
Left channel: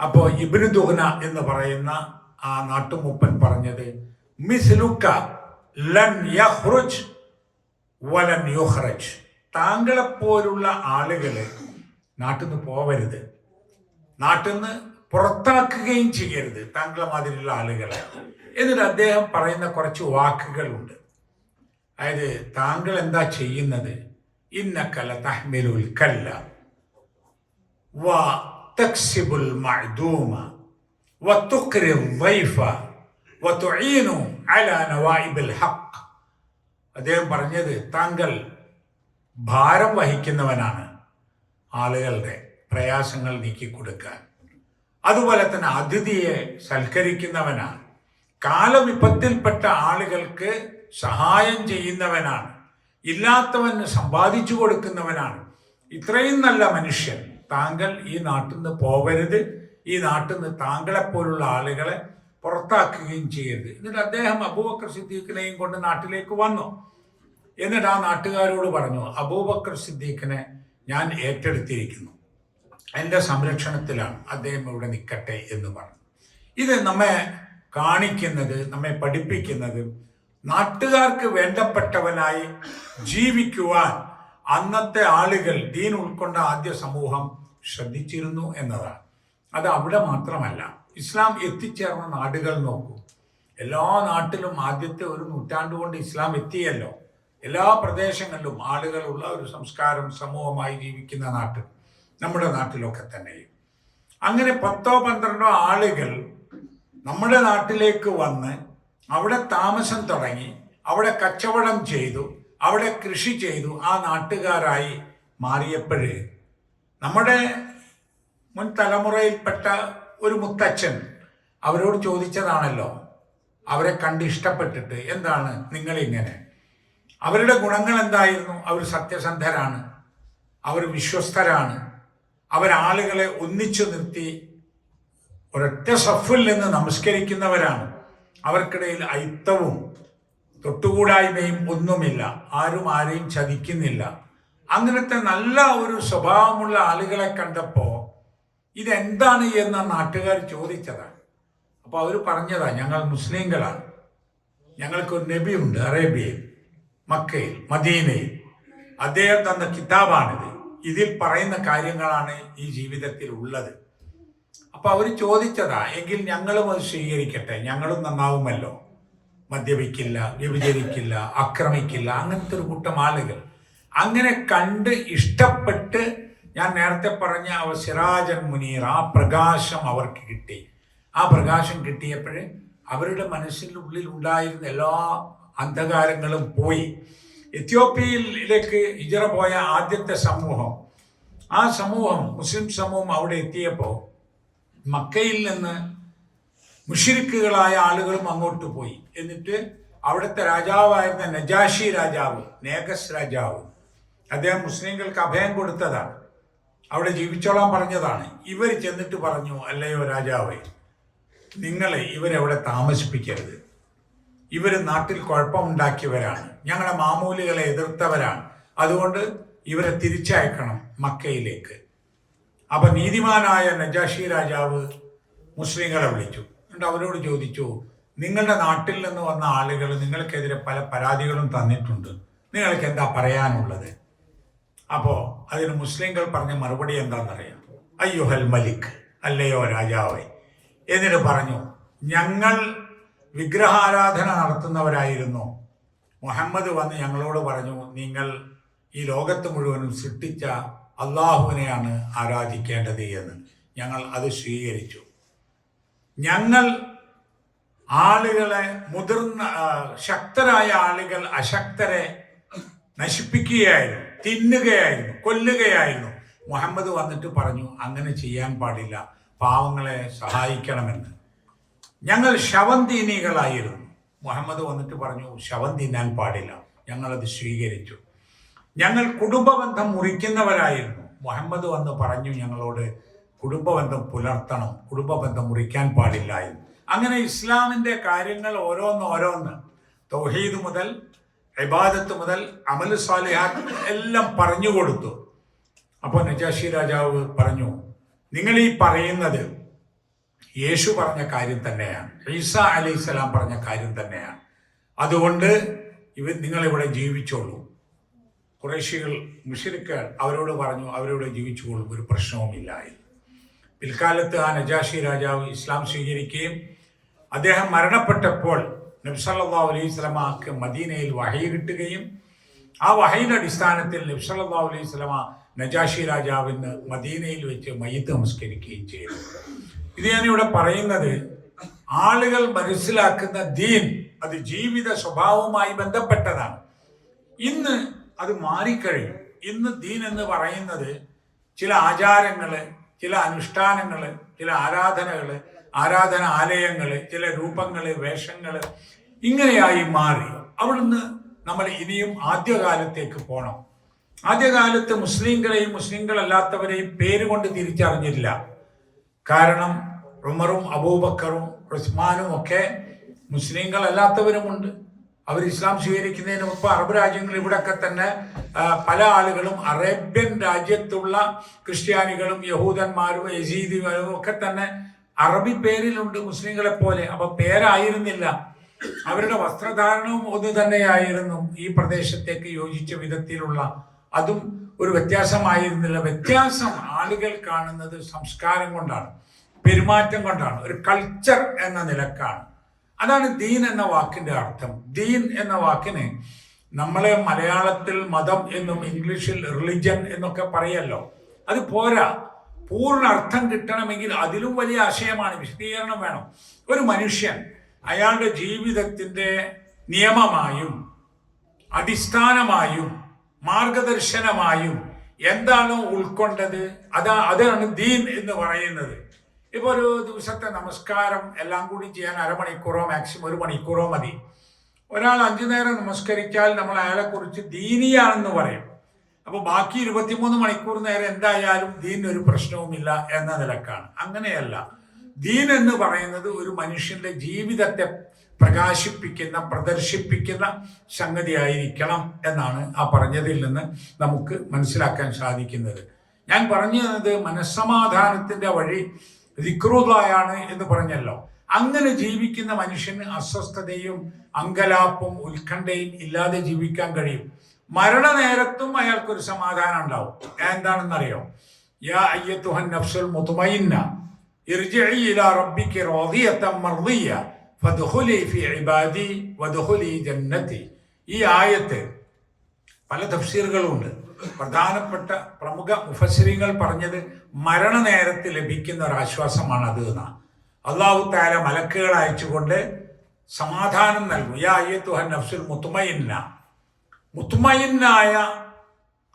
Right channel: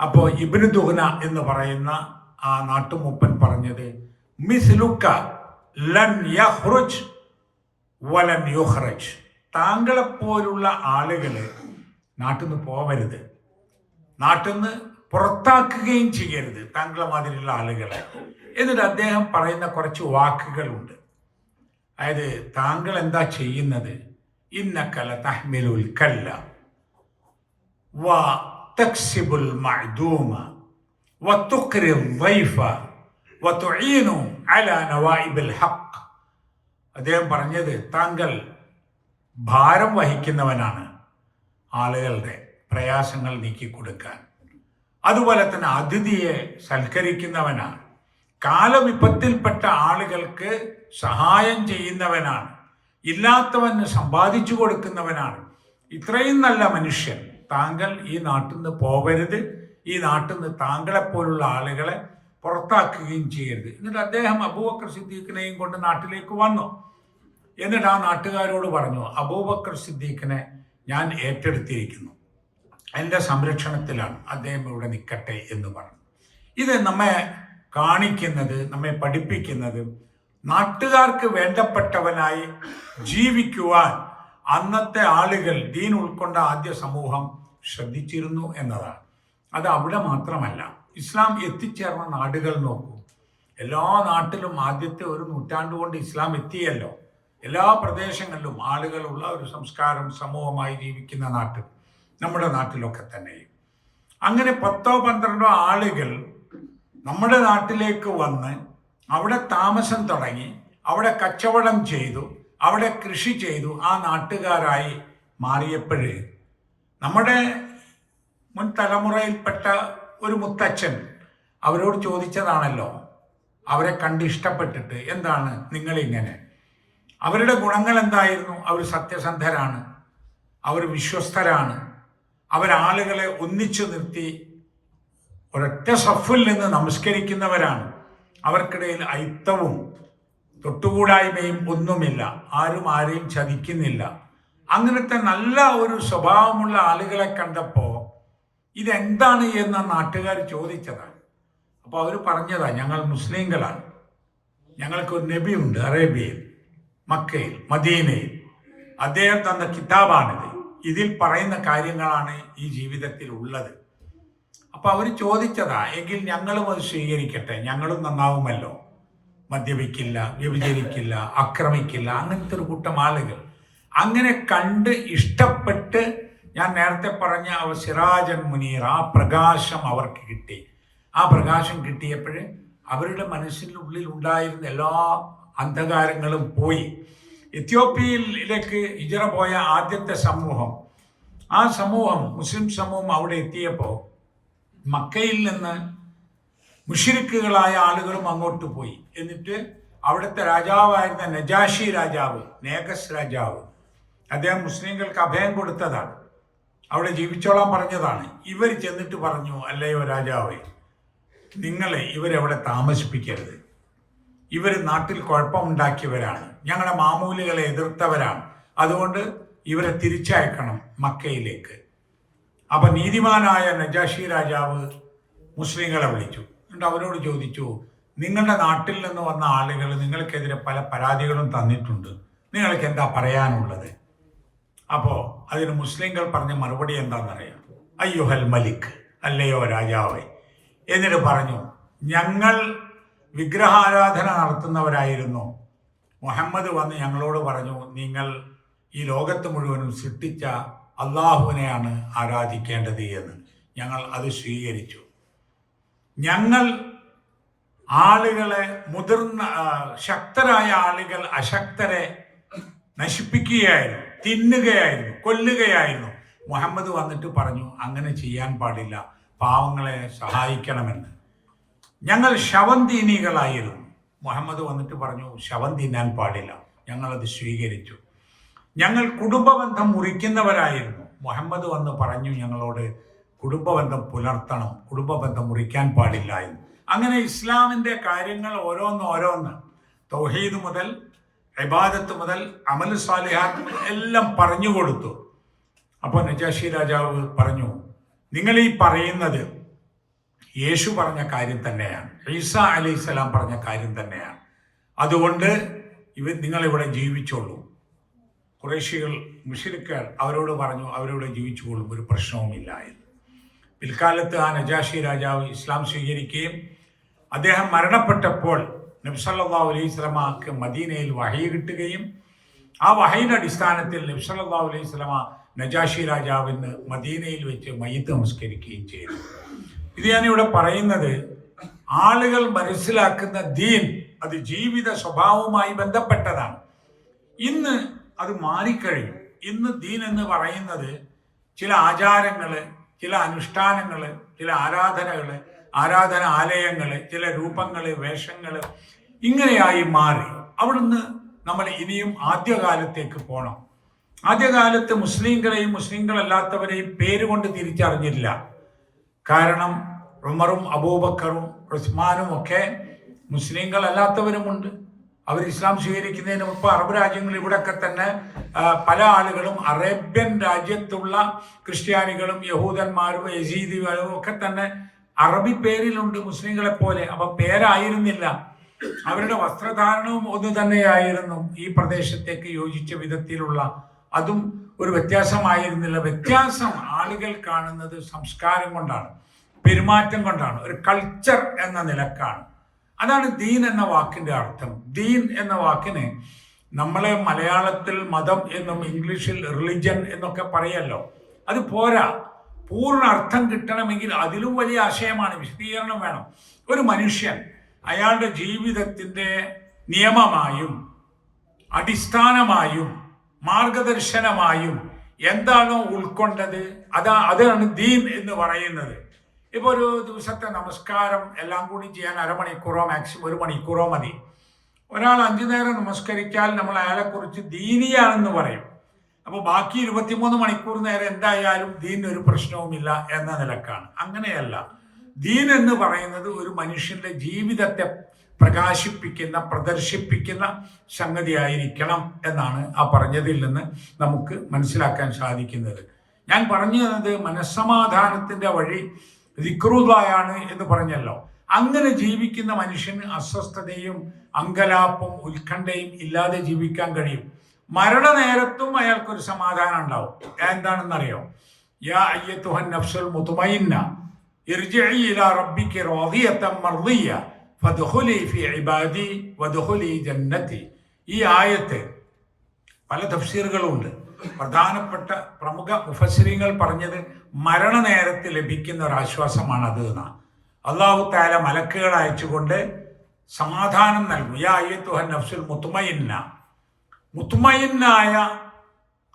അപ്പോൾ ഇബ്നു ദുഹ്ന എന്ന് പറയുന്ന ആ നാട്ടുമൂപ്പൻ പറഞ്ഞത്, മിസ്ലുക ലൻ യഖ്റുജ് വലൻ യുഖ്റജ്, താങ്കളെപ്പോലുള്ള ആളുകൾ നാട്ടിൽ നിന്ന് പോവരുത്, നാട്ടിൽ നിന്ന് പുറത്താക്കുകയും ചെയ്യരുത് താങ്കളെ മാതിരിയുള്ള ആളുകളെ. എന്നിട്ട് അദ്ദേഹം പറയുന്ന കുറച്ച് വാക്കുകളുണ്ട്. അതായത് താങ്കൾ എന്താ ചെയ്യുന്നത്? ഇന്നക ലതഹ്മിലുൽ കല്ല വതക്സിബുൽ മഅദൂമ വതുഖ്രിൽ ദൈഫ വതുഈനു അലാ നവായിബിൽ ഹഖ്. അദ്ദേഹം പറഞ്ഞത്, താങ്കൾ ഭാരം വഹിക്കുന്നവനാണ്, ആളുകളുടെ പ്രയാസങ്ങൾ നീക്കിക്കൊടുക്കാൻ. അതുപോലെ തന്നെ അതിഥിയെ സൽക്കരിക്കുന്നവനാണ്, കാലവിപത്തിൽപ്പെട്ട ആളുകൾക്ക് സഹായം ചെയ്യുന്നവനാണ്, ഇല്ലാത്തവന് സമ്പാദിച്ചു കൊടുക്കുന്നവനാണ്. ഇത്രയും നല്ല മനുഷ്യൻ, താങ്കൾ ഈ നാട്ടിൽ നിന്ന് പോകരുത്, ഈ നാട്ടിൽ നിന്ന് താങ്കളെപ്പോലുള്ള ആളുകളെ പുറത്താക്കുകയും ചെയ്യരുത്. എന്നിട്ട് അദ്ദേഹം അബൂബക്കർ സിദ്ദീഖിനെയും കൊണ്ട് നാട്ടിലേക്ക് വന്നു. എന്നിട്ട് ആ നാട്ടുകാരോട് പറഞ്ഞു, അബൂബക്കർ സിദ്ദീഖിനെ ഞാൻ ഏറ്റെടുത്തിരിക്കുന്നു, എൻ്റെ സംരക്ഷണത്തിലാണ്, അദ്ദേഹം ഇവിടെ നിൽക്കട്ടെ എന്ന് പറഞ്ഞു. ഇത് നമ്മെ കാണിക്കുന്നത്, നമ്മെ പഠിപ്പിക്കുന്നത്, നാട്ടുകാർക്ക് വേണ്ടപ്പെട്ടവനായി ജീവിക്കുവാൻ അന്നത്തെ ആളുകൾ, ദീൻ ഉൾക്കൊണ്ട ആദ്യ സമൂഹം ശ്രദ്ധിച്ചിരുന്നു എന്നതാണ്. അത് അവിടെ മാത്രമല്ല, ഇസ്ലാം എത്തിച്ചേർന്ന നാടുകൾ നോക്കൂ. എല്ലാ നാട്ടിലും ആദ്യത്തെ ഒരു നൂറ്റാണ്ട് കൊണ്ട് ഇസ്ലാം എത്തിയല്ലോ. എല്ലാ പ്രദേശങ്ങളിലും ആളുകളുള്ള ഒരു സംസ്കാരം, സമൂഹമായി ജീവിക്കുന്ന നാട്ടിൽ, നമ്മുടെ നാട്ടിലൊക്കെ തന്നെയും അങ്ങനെ 10-12 ആളുകൾ നമ്മുടെ നാട്ടിലേക്ക് വന്ന് അവിടെ താമസം തുടങ്ങി, അവിടെ കച്ചവടം ചെയ്തു, അവിടെ കൃഷി ചെയ്തു, ആ നാട്ടുകാരായി മാറിയപ്പോഴേ നമ്മുടെ മുൻ തലമുറയിൽപ്പെട്ട ഒരു മുത്തച്ഛൻ അവരോട് ചോദിച്ചതാണല്ലോ, അവരെ കണ്ട് ഇഷ്ടപ്പെട്ടിട്ട്, എന്താണ് നിങ്ങളിങ്ങനെ? അവരുടെ ഗുണങ്ങൾ എന്തായിരുന്നു? അവർ സത്യസന്ധരാണ്, അവർ വിശ്വസ്തരാണ്, അവരാളുകളെ ഒന്നിച്ചു നിർത്തി ഒരൊറ്റ സഫിൽ നിന്ന് നമസ്കരിക്കുന്നവരാണ്, അവർക്കിടയിൽ ഐത്തവും തൊട്ടുകൂടായ്മയും ഒന്നുമില്ല, ആരും ആരെയും ചതിക്കുന്നില്ല. അങ്ങനത്തെ നല്ല ഒരു സ്വഭാവമുള്ള ആളുകളെ കണ്ടപ്പോൾ ഇതെന്താണ് എന്ന് നാട്ടുകാർ ചോദിച്ചതാണ്. അപ്പോൾ അവർ പറഞ്ഞതാ, ഞങ്ങൾ മുസ്ലിങ്ങളാണ്, ഞങ്ങൾക്കൊരു നബിയുണ്ട് അറേബ്യയിൽ, മക്കയിൽ, മദീനയിൽ, അദ്ദേഹം തന്ന കിതാബാണിത്, ഇതിൽ പറയുന്ന കാര്യങ്ങളാണ് ഈ ജീവിതത്തിൽ ഉള്ളത്. അപ്പൊ അവർ ചോദിച്ചതാ, എങ്കിൽ ഞങ്ങളും അത് സ്വീകരിക്കട്ടെ, ഞങ്ങളും നന്നാവുമല്ലോ, മദ്യപിക്കില്ല, വ്യഭിചരിക്കില്ല, ആക്രമിക്കില്ല, അങ്ങനത്തെ ഒരു കൂട്ടം ആളുകൾ. അങ്ങനെ കണ്ട് ഇഷ്ടപ്പെട്ട്, ഞാൻ നേരത്തെ പറഞ്ഞ സിറാജൻ മുനീർ, ആ പ്രകാശം അവർക്ക് കിട്ടി. ആ പ്രകാശം കിട്ടിയപ്പോഴേ അവരുടെ മനസ്സിനുള്ളിൽ ഉണ്ടായിരുന്ന എല്ലാ അന്ധകാരങ്ങളും പോയി. എത്യോപ്യയിലേക്ക് ഹിജറ പോയ ആദ്യത്തെ സമൂഹം, ആ സമൂഹം, മുസ്ലിം സമൂഹം അവിടെ എത്തിയപ്പോൾ മക്കയിൽ നിന്ന് മുശ്രിക്കുകളായ ആളുകളും അങ്ങോട്ട് പോയി. എന്നിട്ട് അവിടുത്തെ രാജാവായിരുന്ന നജാഷി രാജാവ്, നേഗസ് രാജാവ്, അദ്ദേഹം മുസ്ലിങ്ങൾക്ക് അഭയം കൊടുത്തതാണ്, അവിടെ ജീവിച്ചോളാൻ പറഞ്ഞതാണ്. ഇവർ ചെന്നിട്ട് പറഞ്ഞു, അല്ലയോ രാജാവേ, നിങ്ങൾ ഇവരെവിടെ താമസിപ്പിക്കരുത്, ഇവർ നാട്ടിൽ കുഴപ്പമുണ്ടാക്കിയവരാണ്, ഞങ്ങളുടെ മാമൂലികളെ എതിർത്തവരാണ്, അതുകൊണ്ട് ഇവരെ തിരിച്ചയക്കണം മക്കയിലേക്ക്. അപ്പൊ നീതിമാനായ നജാഷി രാജാവ് മുസ്ലിങ്ങളെ വിളിച്ചു. എന്നിട്ട് അവരോട് ചോദിച്ചു, നിങ്ങളുടെ നാട്ടിൽ നിന്ന് വന്ന ആളുകൾ നിങ്ങൾക്കെതിരെ പല പരാതികളും തന്നിട്ടുണ്ട്, നിങ്ങൾക്ക് എന്താ പറയാനുള്ളത്? അപ്പോ അതിന് മുസ്ലിങ്ങൾ പറഞ്ഞ മറുപടി എന്താണെന്നറിയാം? അയ്യുഹൽ മലിക്, അല്ലയോ രാജാവേ. എന്നിട്ട് പറഞ്ഞു, ഞങ്ങൾ വിഗ്രഹാരാധന നടത്തുന്നവരായിരുന്നു. മുഹമ്മദ് വന്ന് ഞങ്ങളോട് പറഞ്ഞു, നിങ്ങൾ ഈ ലോകത്ത് മുഴുവനും സൃഷ്ടിച്ച അള്ളാഹുവിനെയാണ് ആരാധിക്കേണ്ടത് എന്ന്. ഞങ്ങൾ അത് സ്വീകരിച്ചു. ഞങ്ങൾ ആളുകളെ, മുതിർന്ന ശക്തരായ ആളുകൾ അശക്തരെ നശിപ്പിക്കുകയായിരുന്നു, തിന്നുകയായിരുന്നു, കൊല്ലുകയായിരുന്നു. മുഹമ്മദ് വന്നിട്ട് പറഞ്ഞു, അങ്ങനെ ചെയ്യാൻ പാടില്ല, പാവങ്ങളെ സഹായിക്കണമെന്ന്. ഞങ്ങൾ ശവന്തീനികളായിരുന്നു. മുഹമ്മദ് വന്നിട്ട് പറഞ്ഞു, ശവം തിന്നാൻ പാടില്ല. ഞങ്ങളത് സ്വീകരിച്ചു. ഞങ്ങൾ കുടുംബബന്ധം മുറിക്കുന്നവരായിരുന്നു. മുഹമ്മദ് വന്ന് പറഞ്ഞു ഞങ്ങളോട് കുടുംബബന്ധം പുലർത്തണം, കുടുംബബന്ധം മുറിക്കാൻ പാടില്ല എന്ന്. അങ്ങനെ ഇസ്ലാമിൻ്റെ കാര്യങ്ങൾ ഓരോന്ന് തൗഹീദ് മുതൽ ഇബാദത്ത് മുതൽ അമൽ സാലിഹാത്ത് എല്ലാം പറഞ്ഞു കൊടുത്തു. അപ്പോൾ നജാഷി രാജാവ് പറഞ്ഞു, നിങ്ങൾ ഈ പറയുന്നത് യേശു പറഞ്ഞ കാര്യം തന്നെയാണ്, ഈസ അലൈഹിസ്സലാം പറഞ്ഞ കാര്യം തന്നെയാണ്, അതുകൊണ്ട് നിങ്ങളിവിടെ ജീവിച്ചോളൂ. ഖുറൈശികൾ, മുശ്രിക്കുകൾ അവരോട് പറഞ്ഞു, അവരിവിടെ ജീവിച്ചോളും, ഒരു പ്രശ്നവുമില്ലായിരുന്നു. പിൽക്കാലത്ത് ആ നജാഷി രാജാവ് ഇസ്ലാം സ്വീകരിക്കുകയും അദ്ദേഹം മരണപ്പെട്ടപ്പോൾ നബി സല്ലല്ലാഹു അലൈഹി വസല്ലമക്ക് മദീനയിൽ വഹയി കിട്ടുകയും ആ വഹയിന്റെ അടിസ്ഥാനത്തിൽ നബി സല്ലല്ലാഹു അലൈഹി വസല്ലമ നജാഷി രാജാവിന് മദീനയിൽ വെച്ച് മയ്യിത്ത് നമസ്കരിക്കുകയും ചെയ്തു. ഇത് ഞാനിവിടെ പറയുന്നത്, ആളുകൾ മനസ്സിലാക്കുന്ന ദീൻ അത് ജീവിത സ്വഭാവവുമായി ബന്ധപ്പെട്ടതാണ്. ഇന്ന് അത് മാറിക്കഴിഞ്ഞു. ഇന്ന് ദീൻ എന്ന് പറയുന്നത് ചില ആചാരങ്ങള്, ചില അനുഷ്ഠാനങ്ങള്, ചില ആരാധനകള്, ആരാധനാലയങ്ങള്, ചില രൂപങ്ങള്, വേഷങ്ങള്, ഇങ്ങനെയായി മാറി. അവിടുന്ന് നമ്മൾ ഇനിയും ആദ്യകാലത്തേക്ക് പോകണം. ആദ്യകാലത്ത് മുസ്ലിങ്ങളെയും മുസ്ലിങ്ങളല്ലാത്തവരെയും പേരുകൊണ്ട് തിരിച്ചറിഞ്ഞില്ല. കാരണം ഉമറും അബൂബക്കറും ഉസ്മാനും ഒക്കെ മുസ്ലിങ്ങളല്ലാത്തവരുമുണ്ട്. അവർ ഇസ്ലാം സ്വീകരിക്കുന്നതിന് മുമ്പ് അറബ് രാജ്യങ്ങൾ, ഇവിടെയൊക്കെ തന്നെ പല ആളുകളും അറേബ്യൻ രാജ്യത്തുള്ള ക്രിസ്ത്യാനികളും യഹൂദന്മാരും യസീദികളും ഒക്കെ തന്നെ അറബി പേരിലുണ്ട് മുസ്ലിങ്ങളെ പോലെ. അപ്പൊ പേരായിരുന്നില്ല, അവരുടെ വസ്ത്രധാരണവും ഒന്ന് തന്നെയായിരുന്നു, ഈ പ്രദേശത്തേക്ക് യോജിച്ച വിധത്തിലുള്ള, അതും ഒരു വ്യത്യാസമായിരുന്നില്ല. വ്യത്യാസം ആളുകൾ കാണുന്നത് സംസ്കാരം കൊണ്ടാണ്, പെരുമാറ്റം കൊണ്ടാണ്, ഒരു കൾച്ചർ എന്ന നിലക്കാണ്. അതാണ് ദീൻ എന്ന വാക്കിന്റെ അർത്ഥം. ദീൻ എന്ന വാക്കിന് നമ്മളെ മലയാളത്തിൽ മതം എന്നും ഇംഗ്ലീഷിൽ റിലിജൻ എന്നൊക്കെ പറയല്ലോ, അത് പോരാ. പൂർണ്ണ അർത്ഥം കിട്ടണമെങ്കിൽ അതിലും വലിയ ആശയമാണ്, വിശദീകരണം വേണം. ഒരു മനുഷ്യൻ അയാളുടെ ജീവിതത്തിന്റെ നിയമമായും അടിസ്ഥാനമായും മാർഗദർശനമായും എന്താണോ ഉൾക്കൊണ്ടത്, അതാണ് ദീൻ എന്ന് പറയുന്നത്. ഇപ്പോൾ ഒരു ദിവസത്തെ നമസ്കാരം എല്ലാം കൂടി ചെയ്യാൻ അരമണിക്കൂറോ മാക്സിമം 1 മണിക്കൂറോ മതി. ഒരാൾ 5 നേരം നമസ്കരിച്ചാൽ നമ്മൾ അയാളെക്കുറിച്ച് ദീനിയാണെന്ന് പറയും. അപ്പോൾ ബാക്കി 23 മണിക്കൂർ നേരം എന്തായാലും ദീൻ ഒരു പ്രശ്നവുമില്ല എന്ന നിലക്കാണ്. അങ്ങനെയല്ല. ദീൻ എന്ന് പറയുന്നത് ഒരു മനുഷ്യന്റെ ജീവിതത്തെ പ്രകാശിപ്പിക്കുന്ന, പ്രദർശിപ്പിക്കുന്ന സംഗതിയായിരിക്കണം എന്നാണ് ആ പറഞ്ഞതിൽ നിന്ന് നമുക്ക് മനസ്സിലാക്കാൻ സാധിക്കുന്നത്. ഞാൻ പറഞ്ഞത് മനസ്സമാധാനത്തിന്റെ വഴി ദിക്റുള്ളായാണ് എന്ന് പറഞ്ഞല്ലോ. അങ്ങനെ ജീവിക്കുന്ന മനുഷ്യന് അസ്വസ്ഥതയും അങ്കലാപ്പും ഉത്കണ്ഠയും ഇല്ലാതെ ജീവിക്കാൻ കഴിയും. മരണനേരത്തും അയാൾക്കൊരു സമാധാനം ഉണ്ടാവും. എന്താണെന്നറിയോ? യാ അയ്യത്തുഹൻ നഫ്സുൽ മുത്മയിന്ന ഇർജിഇ ഇലാ റബ്ബികി റാദിയതൻ മർദിയ ഫദ്ഖുലി ഫീ ഇബാദി വദ്ഖുലി ജന്നതി. ഈ ആയത്ത് പല തഫ്സീറുകളുണ്ട്. പ്രധാനപ്പെട്ട പ്രമുഖ മുഫസ്സിരീങ്ങൾ പറഞ്ഞത് മരണനേരത്ത് ലഭിക്കുന്ന ഒരു ആശ്വാസമാണ് അത് എന്നാണ്. അല്ലാഹു തആല മലക്കുകൾ അയച്ചുകൊണ്ട് സമാധാനം നൽകും. യാ അയ്യത്തുഹൻ നഫ്സുൽ മുത്മയിന്ന, മുത്മയിന്നായ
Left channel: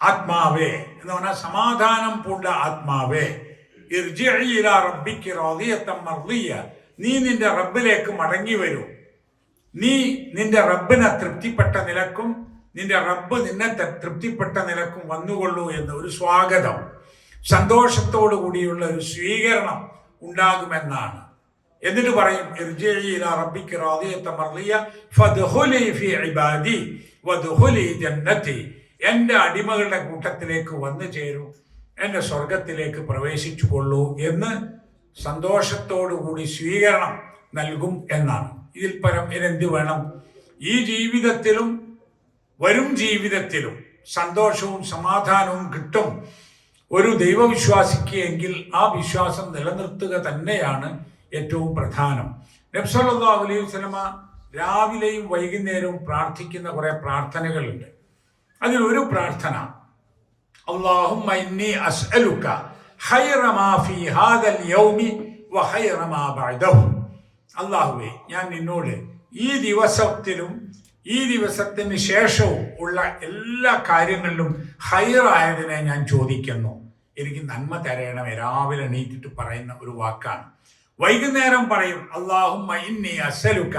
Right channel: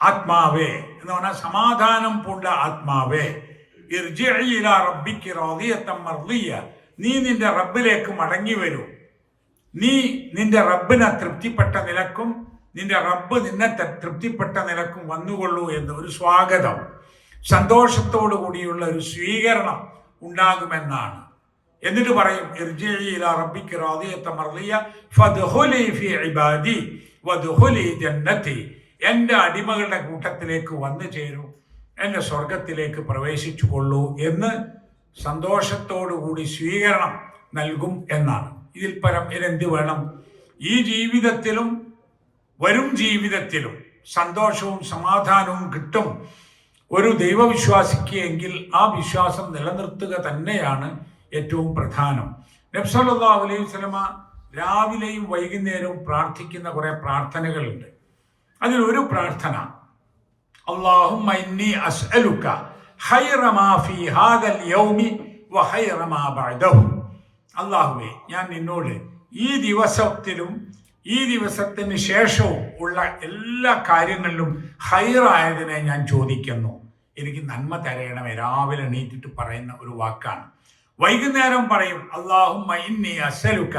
ആത്മാവേ എന്ന് പറഞ്ഞാൽ സമാധാനം പൂണ്ട ആത്മാവേ, ഇർജിഇ ഇലാ റബ്ബികി റാദിയതൻ മർദിയ, നീ നിന്റെ റബ്ബിലേക്ക് മടങ്ങി വരൂ, നീ നിന്റെ റബ്ബിനെ തൃപ്തിപ്പെട്ട നിലക്കും നിന്റെ റബ്ബ് നിന്നെ തൃപ്തിപ്പെട്ട നിലക്കും വന്നുകൊള്ളൂ എന്ന് ഒരു സ്വാഗതം, സന്തോഷത്തോടു കൂടിയുള്ള ഒരു സ്വീകരണം ഉണ്ടാകുമെന്നാണ്. എന്നിട്ട് പറയും ഇർജിഇ ഇലാ റബ്ബിക റാദിയത്തൻ മർദിയ ഫദ്ഖുലി ഫീ ഇബാദി വദ്ഖുലി ജന്നതി. എൻ്റെ അടിമകളുടെ കൂട്ടത്തിലേക്ക് വന്നു ചേരൂ, എൻ്റെ സ്വർഗത്തിലേക്ക് പ്രവേശിച്ചു കൊള്ളൂ എന്ന് സന്തോഷത്തോടുകൂടി സ്വീകരണം നൽകും എന്നാണ്. ഇതിൽ പരം ഇനെന്ത് വേണം? ഈ ജീവിതത്തിലും വരും ജീവിതത്തിലും സന്തോഷവും സമാധാനവും കിട്ടും ഒരു ദൈവവിശ്വാസിക്ക് എങ്കിൽ ആ വിശ്വാസം നിലനിർത്തുക തന്നെയാണ് ഏറ്റവും പ്രധാനം. നബി സല്ലല്ലാഹു അലൈഹി വസല്ലമ രാവിലെയും വൈകുന്നേരവും പ്രാർത്ഥിക്കുന്ന കുറെ പ്രാർത്ഥനകളുണ്ട്. അതിലൊരു പ്രാർത്ഥന, അല്ലാഹുമ്മ ഇന്നി അസ്അലുക ഖൈറ മാ ഫീ ഹാദൽ യൗമി വ ഖൈറ മാ ബഅദഹു. അല്ലാഹുവേ, ഞാൻ നിന്നോട് ഈ ദിവസത്തിലും ഈ ദിവസത്തിന് ശേഷവും ഉള്ള എല്ലാ കാര്യങ്ങളിലും ഖൈറായതിനെ ഞാൻ ചോദിക്കുന്നു, എനിക്ക് നന്മ തരയണമേ. രാവിലെ എണീറ്റിട്ട് പറയുന്ന ഒരു വാക്കാണ്. വൈകുന്നേരം പറയും അല്ലാഹുമ്മ ഇന്നി അസ്അലുക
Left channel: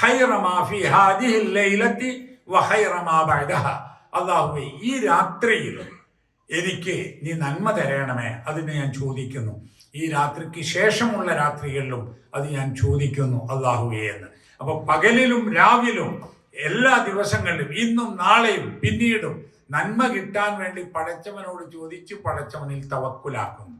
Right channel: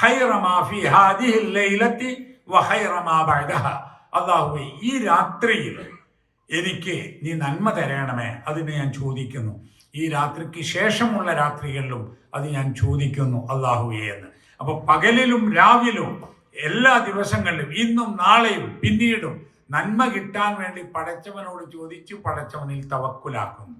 ഖൈറ മാ ഫീ ഹാദിഹിൽ ലൈലത്തി വ ഖൈറ മാ ബഅദഹ. അല്ലാഹുവേ, ഈ രാത്രിയിൽ എനിക്ക് നീ നന്മ തരയണമേ, അതിനെ ഞാൻ ചോദിക്കുന്നു. ഈ രാത്രിക്ക് ശേഷമുള്ള രാത്രികളിലും അത് ഞാൻ ചോദിക്കുന്നു അല്ലാഹുവേ എന്ന്. അപ്പൊ പകലിലും രാവിലും എല്ലാ ദിവസങ്ങളിലും ഇന്നും നാളെയും പിന്നീടും നന്മ കിട്ടാൻ വേണ്ടി പടച്ചവനോട് ചോദിച്ച് പടച്ചവനിൽ തവക്കുലാക്കുന്നു.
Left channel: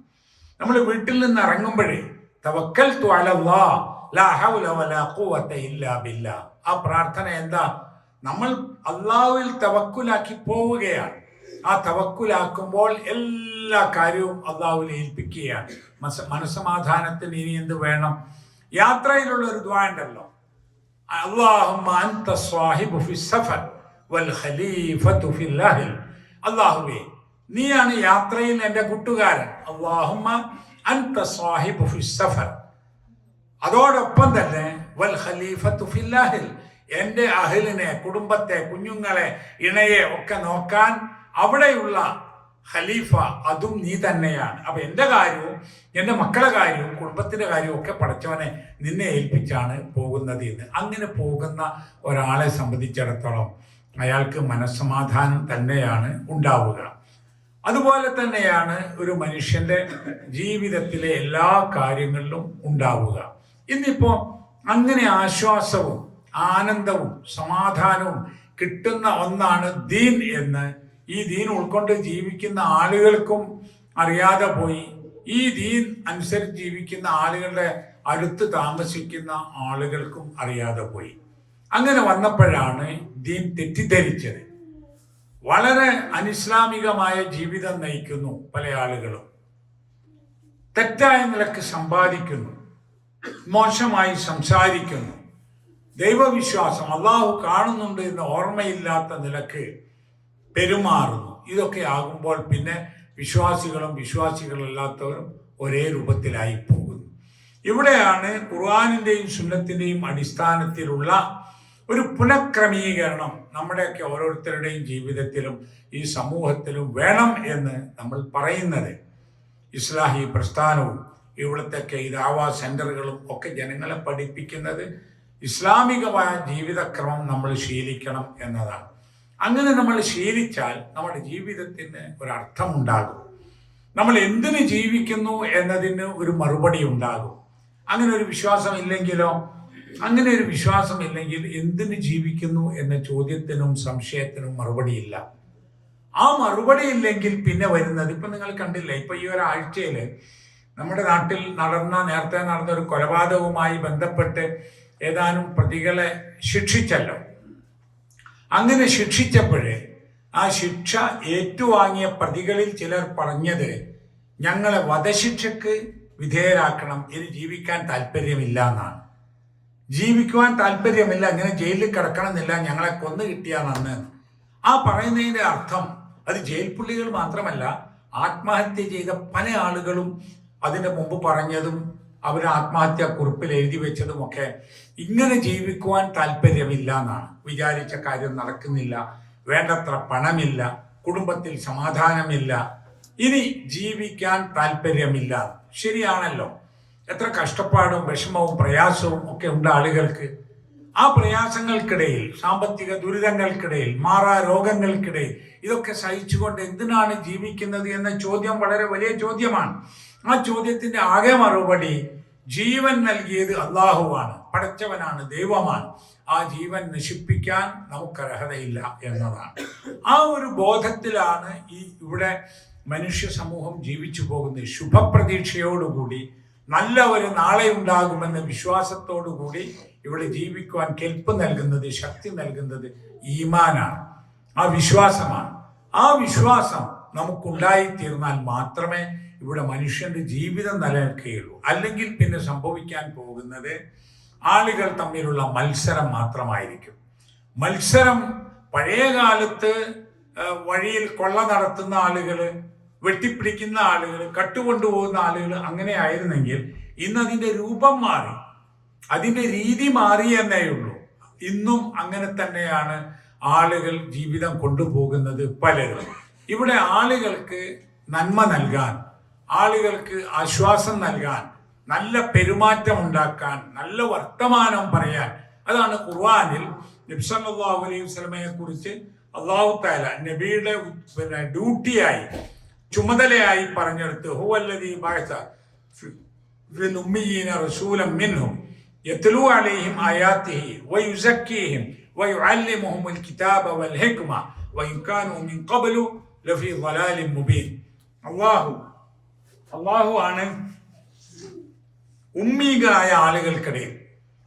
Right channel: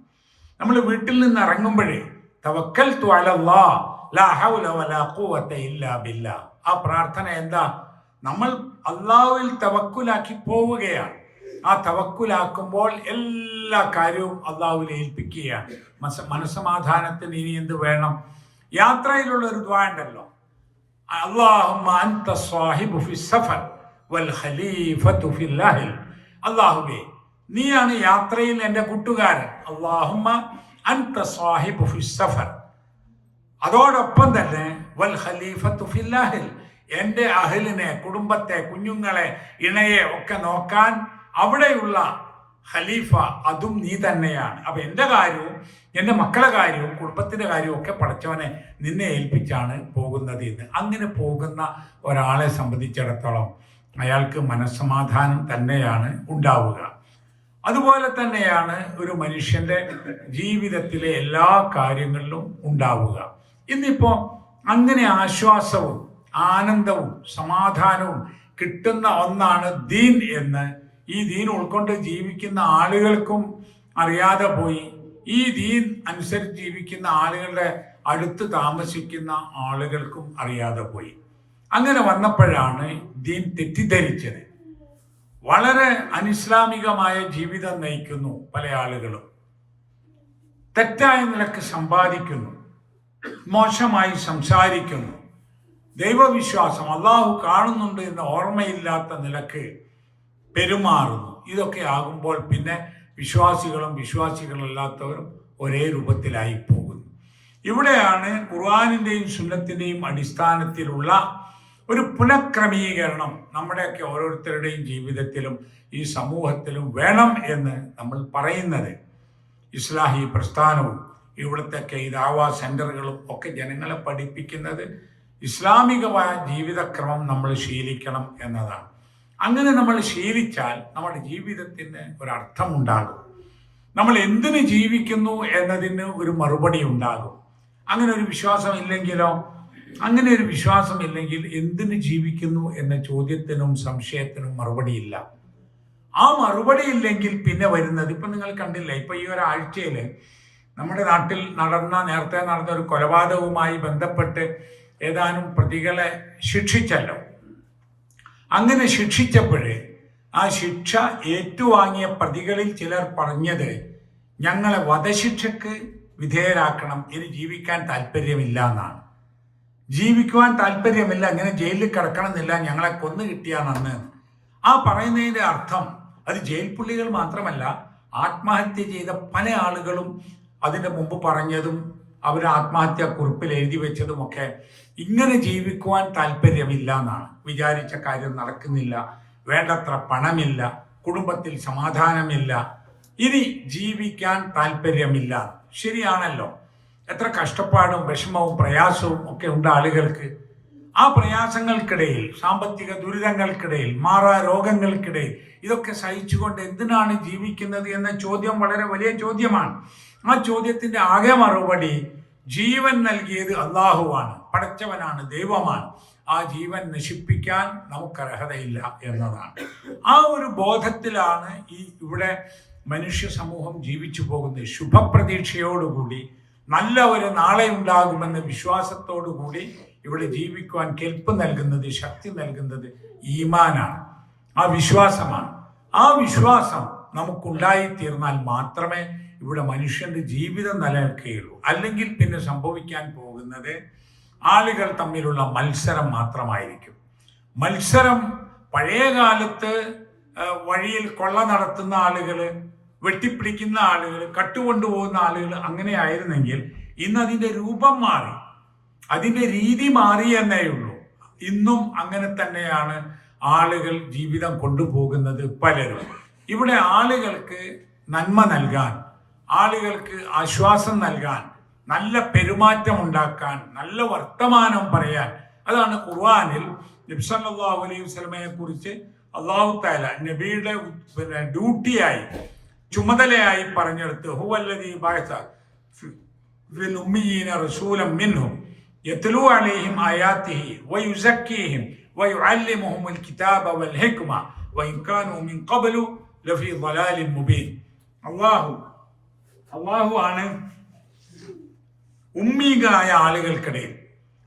നമ്മൾ വീട്ടിൽ നിന്ന് ഇറങ്ങുമ്പോഴേ തവക്കൽതു അലല്ലാഹ് ലാ ഹൗല വലാ ഖുവത ഇല്ലാ ബില്ലാഹ്. ആ പ്രാർത്ഥന എന്താ? നമ്മൾ അല്ലാഹുവിൽ തവക്കുലാക്കി പോവുകയാണ്. ആ തവക്കുലാക്കുമ്പോൾ എല്ലാ കാര്യവും അല്ലാഹുവിൽ ഏൽപ്പിക്കുകയാണ്. മനസ്സമാധാനത്തിന് ഇനി എന്ത് വേണം? യാത്രയിലുള്ള ഒരു ദുആ ഉണ്ടല്ലോ, അല്ലാഹുമ്മ അൻത സ്വാഹിബു ഫിസ് സഫർ വൽ ഖലീഫതു ഫിൽ അഹ്ൽ. അല്ലാഹുവേ, നീയാണ് യാത്രയിൽ എൻ്റെ കൂട്ടുകാരൻ. അല്ലാഹുമ്മ അൻത സ്വാഹിബു ഫിസ് സഫർ, അതോടൊപ്പം തന്നെ വൽ ഖലീഫതു ഫിൽ അഹ്ൽ, എൻ്റെ അഹ്ലിനെ, കുടുംബത്തെ, കുഞ്ഞുങ്ങളെ, ഇണയെ ഒക്കെ നോക്കാൻ അവിടെയുള്ള ഖലീഫ അതും നീ തന്നെയാണ്. അപ്പൊ എൻ്റെ കാര്യവും എൻ്റെ മക്കളുടെ കാര്യവും കുടുംബത്തിന്റെ കാര്യവും ഒക്കെ പടച്ചവനെ നിന്നെ ഏൽപ്പിച്ചാണ് പോകുന്നത് എന്ന്. അങ്ങനെ പോകുന്ന ഒരാളെ സംബന്ധിച്ചിടത്തോളം അയാൾക്ക് മനസ്സമാധാനം തന്നെയാണ് ഉണ്ടാവുക. അതുപോലെ തന്നെയാണ് ഒരു മനുഷ്യന്റെ ജീവിതത്തിലെ എല്ലാ കാര്യങ്ങളിലും ഉണ്ടാവുക. ഇന്നിപ്പോ അങ്ങനെ ആശ്വാസവും ആനന്ദവും സമാധാനവും കിട്ടുന്ന ഒന്നാണ് ദീൻ എന്ന് ഈ ദീൻ ഉൾക്കൊണ്ട് ജീവിക്കുന്ന ആളുകൾക്കും അറിയാതെ പോയി. ഈ ദീൻ അനുസരിച്ച് ജീവിക്കുന്ന ആളുകളുടെ അടുത്ത് താമസിക്കുന്ന ആളുകൾക്കും അറിയാതെ പോയി. അങ്ങനെ വന്നപ്പോഴാണ് ദീൻ തെറ്റിദ്ധരിച്ചത്. വളരെ അനിസ്ലാമികമായ ജീവിതം നയിക്കുന്നു പല ആളുകളും, തെറ്റായ നിലക്ക് സമ്പാദിക്കുന്നു, മോശമായി സംസാരിക്കുന്നു, ദൈവവിശ്വാസം അള്ളാഹു കാണുന്നുണ്ട് എന്ന ഓർമ്മയില്ലാത്ത നിലക്ക് പെരുമാറുന്നു. ഇതൊക്കെ ആകുമ്പോൾ പിന്നെ വിശ്വാസികളും വിശ്വാസികളല്ലാത്തവരും ഒരേ രൂപത്തിലായി പോകുന്നു. ഇവിടെയാണ് ഖുർആനിന്റെയും സുന്നത്തിന്റെയും അടിസ്ഥാനത്തിലുള്ള ഒരു പുനഃക്രമീകരണം നമ്മുടെയൊക്കെ ഓരോരുത്തരുടെയും ജീവിതത്തിലും ഈ സമൂഹത്തിലും വേണം എന്ന് നമ്മൾ പറയുന്നത്. ഇസ്ലാഹി പ്രസ്ഥാനവും ഇവിടുത്തെ ദഅവാ സെന്ററുകളും ഒക്കെ ജനങ്ങളെ പഠിപ്പിക്കുന്നത് ഇസ്ലാമികമായ ജീവിതക്രമം നമ്മൾ ശീലിക്കണം എന്നതാണ്. അങ്ങനെ നമ്മൾ ശീലിച്ചാൽ നമ്മുടെ ജീവിതത്തിന് ഒരർത്ഥമുണ്ടാകും. നമ്മൾ എന്തിനു ജീവിക്കുന്നു എന്നതിന് ഒരു മറുപടി ഉണ്ടാകും. അങ്ങനെ ഒരു വിശ്വാസം ഇല്ലെങ്കിലോ, അങ്ങനെ ഒരു വിശ്വാസം ഇല്ലെങ്കിൽ എന്തിനു ജീവിക്കുന്നു എന്ന ചോദ്യത്തിനും സംശയത്തിനും മറുപടിയില്ല. ആ മറുപടി ഇല്ലെങ്കിൽ പിന്നെ വരുന്നത് ഇപ്പൊ നിങ്ങൾ കണ്ടില്ലേ, ഇപ്പൊ ഈ ഒരാഴ്ചയില് നമ്മുടെ നാട്ടിൽ നേരത്തെ നടന്ന ഒരു കൊലപാതകവുമായി ബന്ധപ്പെട്ട് ഏതാനും പ്രതികളെ ശിക്ഷിച്ചല്ലോ. അങ്ങനെ ശിക്ഷിച്ചപ്പോഴേ ആ ശിക്ഷ ഏറ്റുവാങ്ങിയ പ്രതികളിൽ ചിലർ പറഞ്ഞത്, ഞങ്ങളെ വധശിക്ഷക്ക് വിധേയരാക്കണം, ഇനി ജീവിക്കാൻ താല്പര്യമില്ല എന്നാണ്. ജീവിക്കുവാൻ താല്പര്യമില്ല, അങ്ങനെ ജയിലിൽ കിടക്കണമെന്നില്ല, ഞങ്ങളെ കൊന്നു കിട്ടിയാൽ നന്ന്. ആ പറയുന്നതിന്റെ അർത്ഥം അത് ജയിൽ പുള്ളികൾ മാത്രമല്ല, ആത്മഹത്യ ചെയ്ത പല ആളുകളും അതിന്റെ മുമ്പ് പറഞ്ഞതും അവർ ആത്മഹത്യാ കുറിപ്പിൽ എഴുതി വെച്ചതുമൊക്കെ ഇങ്ങനെ ജീവിക്കുവാൻ താല്പര്യമില്ല എന്നാണ്. വിചാരിച്ച കാര്യം നടക്കുന്നില്ല, വേണ്ടത്ര പണമില്ല, കുടുംബത്തിൽ സമാധാനമില്ല, ഇനി ജീവിക്കാൻ താല്പര്യമില്ല. ശരിയാണല്ലോ. എത്ര കഷ്ടപ്പാടും വിഷമവും പ്രയാസവും ഒക്കെ ഉണ്ട് ആളുകൾക്ക്. ആ പ്രയാസങ്ങൾക്കിടയിൽ, സാമ്പത്തിക ദുരിതങ്ങൾക്കിടയിൽ, മാറാ രോഗങ്ങൾക്കിടയിൽ ഇതൊക്കെ സഹിച്ചുകൊണ്ട് എന്തിനാണ് ജീവിക്കുന്നത് എന്ന ചോദ്യം വളരെ വലിയ ചോദ്യമാണ്. ആ ചോദ്യത്തിന്റെ ആകെ മറുപടി ജീവൻ നൽകിയത് അള്ളാഹുവാണ്, പടച്ചവനാണ്, ദൈവമാണ്. ആ ജീവൻ നശിപ്പിക്കാൻ നമുക്ക് അർഹതയില്ല എന്നതാണ്. ആ ഒരു ബോധത്തിലാണ് ഇവിടെ മനുഷ്യ സമൂഹം ജീവിച്ചു പോകുന്നത്. ശുഭപ്രതീക്ഷയോടുകൂടി നല്ല ഒരു നാളെ ഉണ്ടാകുമെന്ന വിശ്വാസത്തോടുകൂടി ഇവിടെ ജീവിക്കുവാൻ കെൽപ്പ് നൽകുന്നത്, ശക്തി നൽകുന്നത് ഈമാനാണ്, ആ വിശ്വാസമാണ്. ആ വിശ്വാസം നമുക്കുണ്ടായിത്തീർന്നാൽ മാത്രമേ ഇവിടെ മനുഷ്യന്റെ ജീവിതം നിലനിൽക്കുകയുള്ളൂ. അല്ലെങ്കിൽ പിന്നെ സംഭവിക്കാൻ പോകുന്നത് ആളുകൾ തമ്മിലുള്ള മത്സരം മാത്രമായിരിക്കും. മത്സരം പഴയ കാലത്ത് വഴിയിൽ കൊള്ള നടത്തുന്ന ആളുകൾ, വെട്ടിപ്പിടിക്കുന്ന ആളുകൾ, കട്ടുകൊണ്ടുപോകുന്ന ആളുകൾ അങ്ങനെ ആയിരുന്നെങ്കിൽ ഇന്ന് അതിന്റെ രൂപം മാറി, അതിന്റെ രീതി മാറി എന്നേ ഉള്ളൂ. ഇന്നും അങ്ങനെ തന്നെയാണ് ആളുകൾ ജീവിതം കൊണ്ടുപോകുന്നത് പലരും. ഇവിടെ ആളുകൾക്ക് നന്മ നൽകാൻ, ആളുകൾക്ക് ആശ്വാസം നൽകാൻ, നല്ല പെരുമാറ്റം ഉണ്ടാക്കാൻ, നല്ല വർത്തമാനം പറയാൻ, അതാണ് ഖുർആനിൽ നബി സല്ലല്ലാഹു അലൈഹി വസല്ലമയെ കുറിച്ച് അല്ലാഹു തആല നബിയുടെ ഡ്യൂട്ടിയായി, ചുമതലയായി പറഞ്ഞെടുത്ത് ഹുവല്ലദീ ബഅസ ഫിൽ ഉമ്മീന റസൂലൻ മിൻഹും യത്ലൂ അലൈഹിം ആയാതിഹി വയുസക്കീഹിം വയുഅല്ലിമുഹുൽ കിതാബ വൽ ഹിക്മ വഇൻ കാനൂ മിൻ ഖബ്ലു ലഫീ ളലാലിൻ മുബീൻ. അല്ലാഹു ആണ് ഉമ്മീകളായ ആളുകൾക്കിടയിൽ,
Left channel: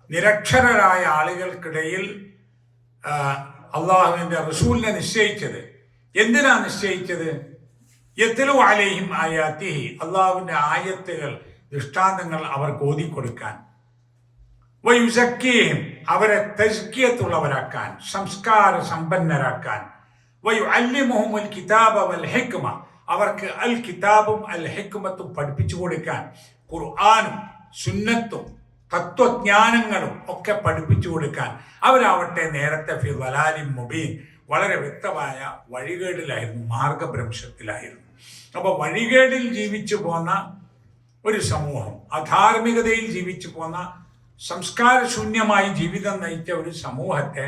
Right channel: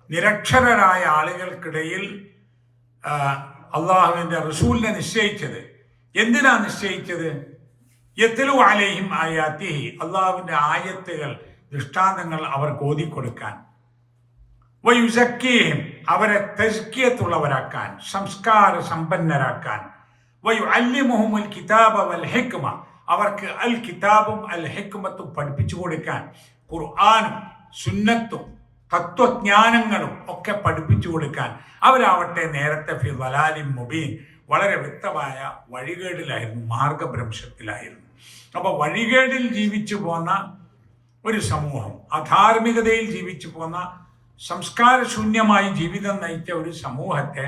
നിരക്ഷരരായ ആളുകൾക്കിടയിൽ അള്ളാഹുവിന്റെ റസൂലിനെ നിശ്ചയിച്ചത്. എന്തിനാ നിശ്ചയിച്ചത്? യത്ലു അലൈഹിം ആയാതിഹി, അള്ളാഹുവിന്റെ ആയത്തുകൾ, ദൃഷ്ടാന്തങ്ങൾ അവർക്ക് ഓതിക്കൊടുക്കാൻ, വയുസക്കീഹിം, അവരെ തസ്കിയത്തുള്ളവരാക്കാൻ, സംസ്കാര സമ്പന്നരാക്കാൻ, വയുഅല്ലിമുഹുൽ കിതാബ വൽ ഹിക്മ, അവർക്ക് അൽ കിതാബും അൽ ഹിക്മത്തും പഠിപ്പിച്ചു കൊടുക്കാൻ, ഖുർആനും സുന്നത്തും തത്വജ്ഞാനങ്ങളും ഒക്കെ പഠിപ്പിച്ചു കൊടുക്കാൻ. അവരാവട്ടെ നേരത്തെ ഫി ളലാലിൻ മുബീൻ, വളരെ വ്യക്തമായ വഴികേടിലായിരുന്നു, മാർഗഭ്രംശത്തിലായിരുന്നു. അപ്പൊ വഴികേടിൽ ജീവിച്ചു പോന്ന ഒരു സമൂഹം, അധാർമികതയിൽ ജീവിച്ചു പോന്ന, സംസ്കാരശൂന്യമായി ജീവിതം നയിച്ച ഒരു സമൂഹത്തെ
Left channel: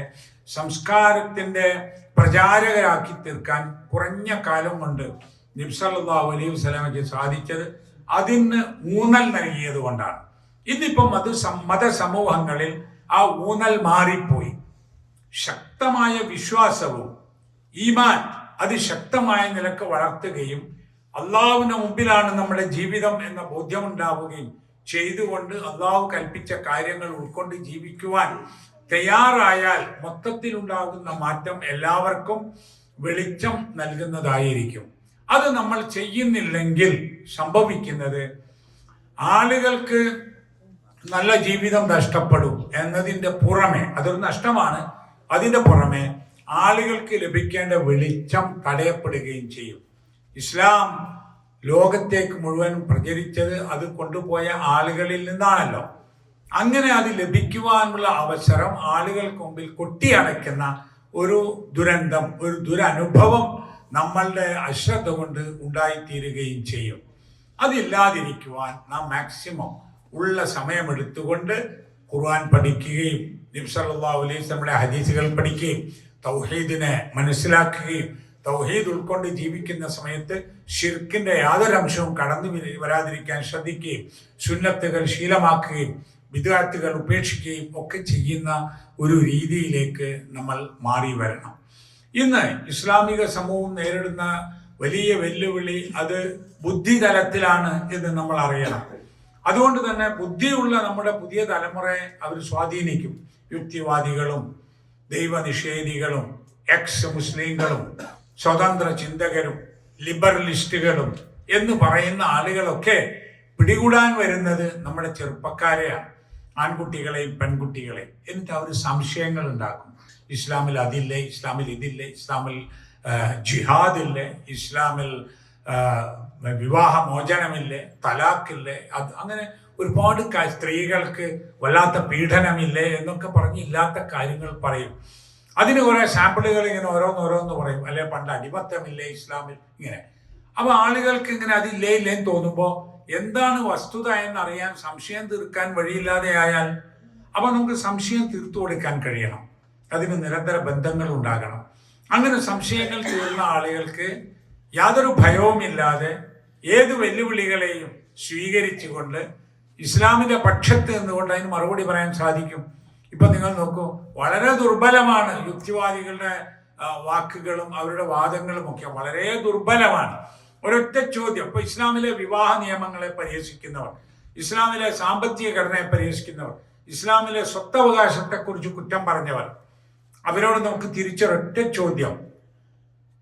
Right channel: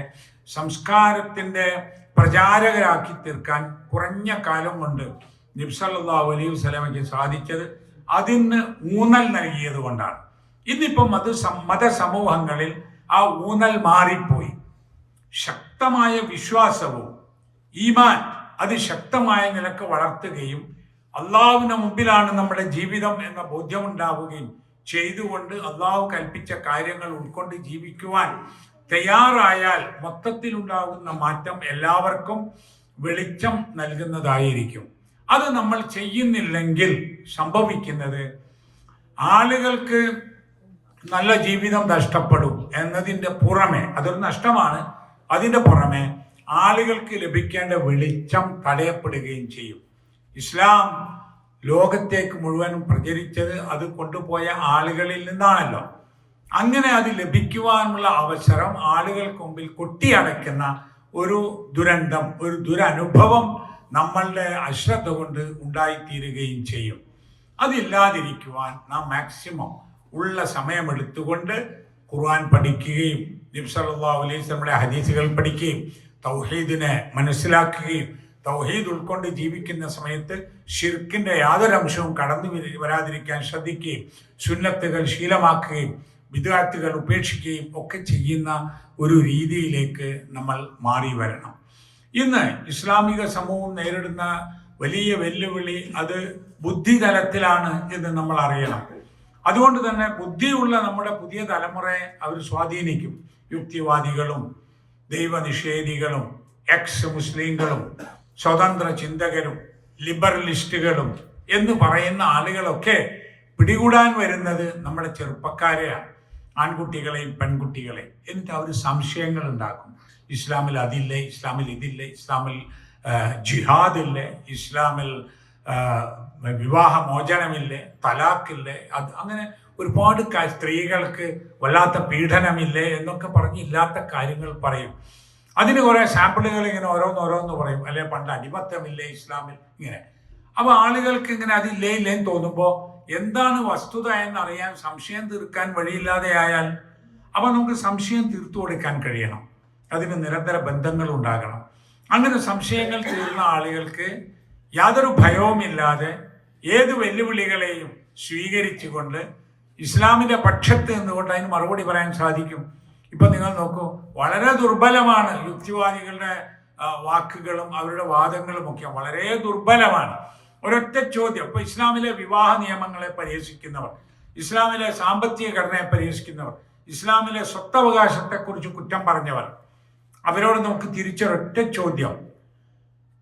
സംസ്കാരത്തിന്റെ പ്രചാരകരാക്കി തീർക്കാൻ കുറഞ്ഞ കാലം കൊണ്ട് നബി സല്ലല്ലാഹു അലൈഹി വസല്ലമയ്ക്ക് സാധിച്ചത് അതിന് ഊന്നൽ നൽകിയത് കൊണ്ടാണ്. ഇന്നിപ്പം മതസമൂഹങ്ങളിൽ ആ ഊന്നൽ മാറിപ്പോയി. ശക്തമായ വിശ്വാസവും ഈമാൻ അത് ശക്തമായ നിലക്ക് വളർത്തുകയും അള്ളാഹുവിന്റെ മുമ്പിലാണ് നമ്മുടെ ജീവിതം എന്ന ബോധ്യമുണ്ടാവുകയും ചെയ്തുകൊണ്ട് അള്ളാഹു കൽപ്പിച്ച കാര്യങ്ങൾ ഉൾക്കൊണ്ട് ജീവിക്കുവാൻ തയ്യാറായാൽ മൊത്തത്തിലുണ്ടാകുന്ന മാറ്റം എല്ലാവർക്കും വെളിച്ചം നൽകുന്നതായിരിക്കും. അത് നമ്മൾ ചെയ്യുന്നില്ലെങ്കിൽ സംഭവിക്കുന്നത് ആളുകൾക്ക് നല്ല ജീവിതം നഷ്ടപ്പെടും എന്നതിൻ്റെ പുറമെ, അതൊരു നഷ്ടമാണ്, അതിൻ്റെ പുറമെ ആളുകൾക്ക് ലഭിക്കേണ്ട വെളിച്ചം തടയപ്പെടുകയും ചെയ്യും. ഇസ്ലാം ലോകത്തേക്ക് മുഴുവൻ പ്രചരിച്ചത് അത് കൊണ്ടുപോയ ആളുകളിൽ നിന്നാണല്ലോ. അങ്ങനെ അത് ലഭിക്കുവാനുള്ള അവസരം ആളുകൾക്ക് മുമ്പിൽ കൊട്ടിയടയ്ക്കുന്ന ഒരു ദുരന്തം, ഒരു ദുരനുഭവം നമ്മളുടെ അശ്രദ്ധ കൊണ്ട് ഉണ്ടായിത്തീരുകയും ചെയ്യും. അതില്ലാതിരിക്കുവാൻ നാം മാക്സിമം ഉള്ള സമയമെടുത്തുകൊണ്ട് ഖുർആൻ പഠിക്കുകയും നബി സല്ലല്ലാഹു അലൈഹി വസല്ലമയുടെ ഹദീസുകൾ പഠിക്കുകയും തൗഹീദിനെ മനസ്സിലാക്കുകയും തൗഹീദ് ഉൾക്കൊണ്ട് ജീവിക്കുന്ന സമയത്ത് ശിർക്കിന്റെ യാതൊരു അംശവും കടന്നു വരാതിരിക്കാൻ ശ്രദ്ധിക്കുകയും സുന്നത്തുകൾ ശീലമാക്കുകയും ബിദ്അത്തുകൾ ഉപേക്ഷിക്കുകയും ഒക്കെ ചെയ്യുന്ന ഒരു രീതിയിലേക്ക് നമ്മൾ മാറി വരണം. ഇന്ന് ഇസ്ലാമിക സമൂഹം നേരിടുന്ന വലിയ വെല്ലുവിളി അത് ബുദ്ധിതലത്തിലാണ് എന്ന് നമ്മൾ അറിയണം. അതുകൊണ്ട് തന്നെ ബുദ്ധിയുള്ള നമ്മുടെ പുതിയ തലമുറയെ അവർ സ്വാധീനിക്കും. യുക്തിവാദികളും ദൈവനിഷേധികളും എക്സ് മുസ്ലിങ്ങളും സ്വതന്ത്ര ചിന്തകരും ലിബറലിസ്റ്റുകളും എന്ന് പറയുന്ന ആളുകളൊക്കെ പിടികൂടാൻ വരുന്നത് നമ്മുടെ ചെറുപ്പക്കാരെയാണ്, ആൺകുട്ടികളെയും പെൺകുട്ടികളെയും. എന്നിട്ട് അവർ സംശയങ്ങൾ ഉണ്ടാക്കും. ഇസ്ലാമിൽ അതില്ലേ, ഇസ്ലാമിൽ ഇതില്ലേ, ഇസ്ലാമിൽ ജിഹാദില്ലേ, ഇസ്ലാമിൽ വിവാഹമോചനമില്ലേ, തലാഖില്ലേ, അത് അങ്ങനെ ഒരുപാട് സ്ത്രീകൾക്ക് വല്ലാത്ത പീഡനമില്ലേ എന്നൊക്കെ പറഞ്ഞ് ഇല്ലാത്ത കാര്യങ്ങൾ പറയും. അതിന് കുറെ സാമ്പിളുകൾ ഇങ്ങനെ ഓരോന്നോരോന്ന് പറയും. അല്ലെ പണ്ട് അടിമത്തമില്ലേ ഇസ്ലാമിൽ, ഇങ്ങനെ. അപ്പൊ ആളുകൾക്ക് ഇങ്ങനെ അതില്ലേ ഇല്ലേന്ന് തോന്നുമ്പോൾ എന്താണ് വസ്തുത എന്നറിയാൻ സംശയം തീർക്കാൻ വഴിയില്ലാതെ ആയാൽ അപ്പൊ നമുക്ക് സംശയം തീർത്തു കൊടുക്കാൻ കഴിയണം. അതിന് നിരന്തര ബന്ധങ്ങൾ ഉണ്ടാകണം. അങ്ങനെ സംശയങ്ങൾ തീർന്ന ആളുകൾക്ക് യാതൊരു ഭയവുമില്ലാതെ ഏത് വെല്ലുവിളികളെയും സ്വീകരിച്ചുകൊണ്ട് ഇസ്ലാമിന്റെ പക്ഷത്ത് നിന്നുകൊണ്ട് അതിന് മറുപടി പറയാൻ സാധിക്കും. ഇപ്പൊ നിങ്ങൾ നോക്കൂ, വളരെ ദുർബലമാണ് യുക്തിവാദികളുടെ വാക്കുകളും അവരുടെ വാദങ്ങളും ഒക്കെ വളരെ ദുർബലമാണ്. ഒരൊറ്റ ചോദ്യം. ഇപ്പൊ ഇസ്ലാമിലെ വിവാഹ നിയമങ്ങളെ പരിഹസിക്കുന്നവർ, ഇസ്ലാമിലെ സാമ്പത്തിക ഘടനയെ പരിഹസിക്കുന്നവർ, ഇസ്ലാമിലെ സ്വത്തവകാശത്തെക്കുറിച്ച് കുറ്റം പറഞ്ഞവർ, അവരോട് നമുക്ക് തിരിച്ചൊരൊറ്റ ചോദ്യം:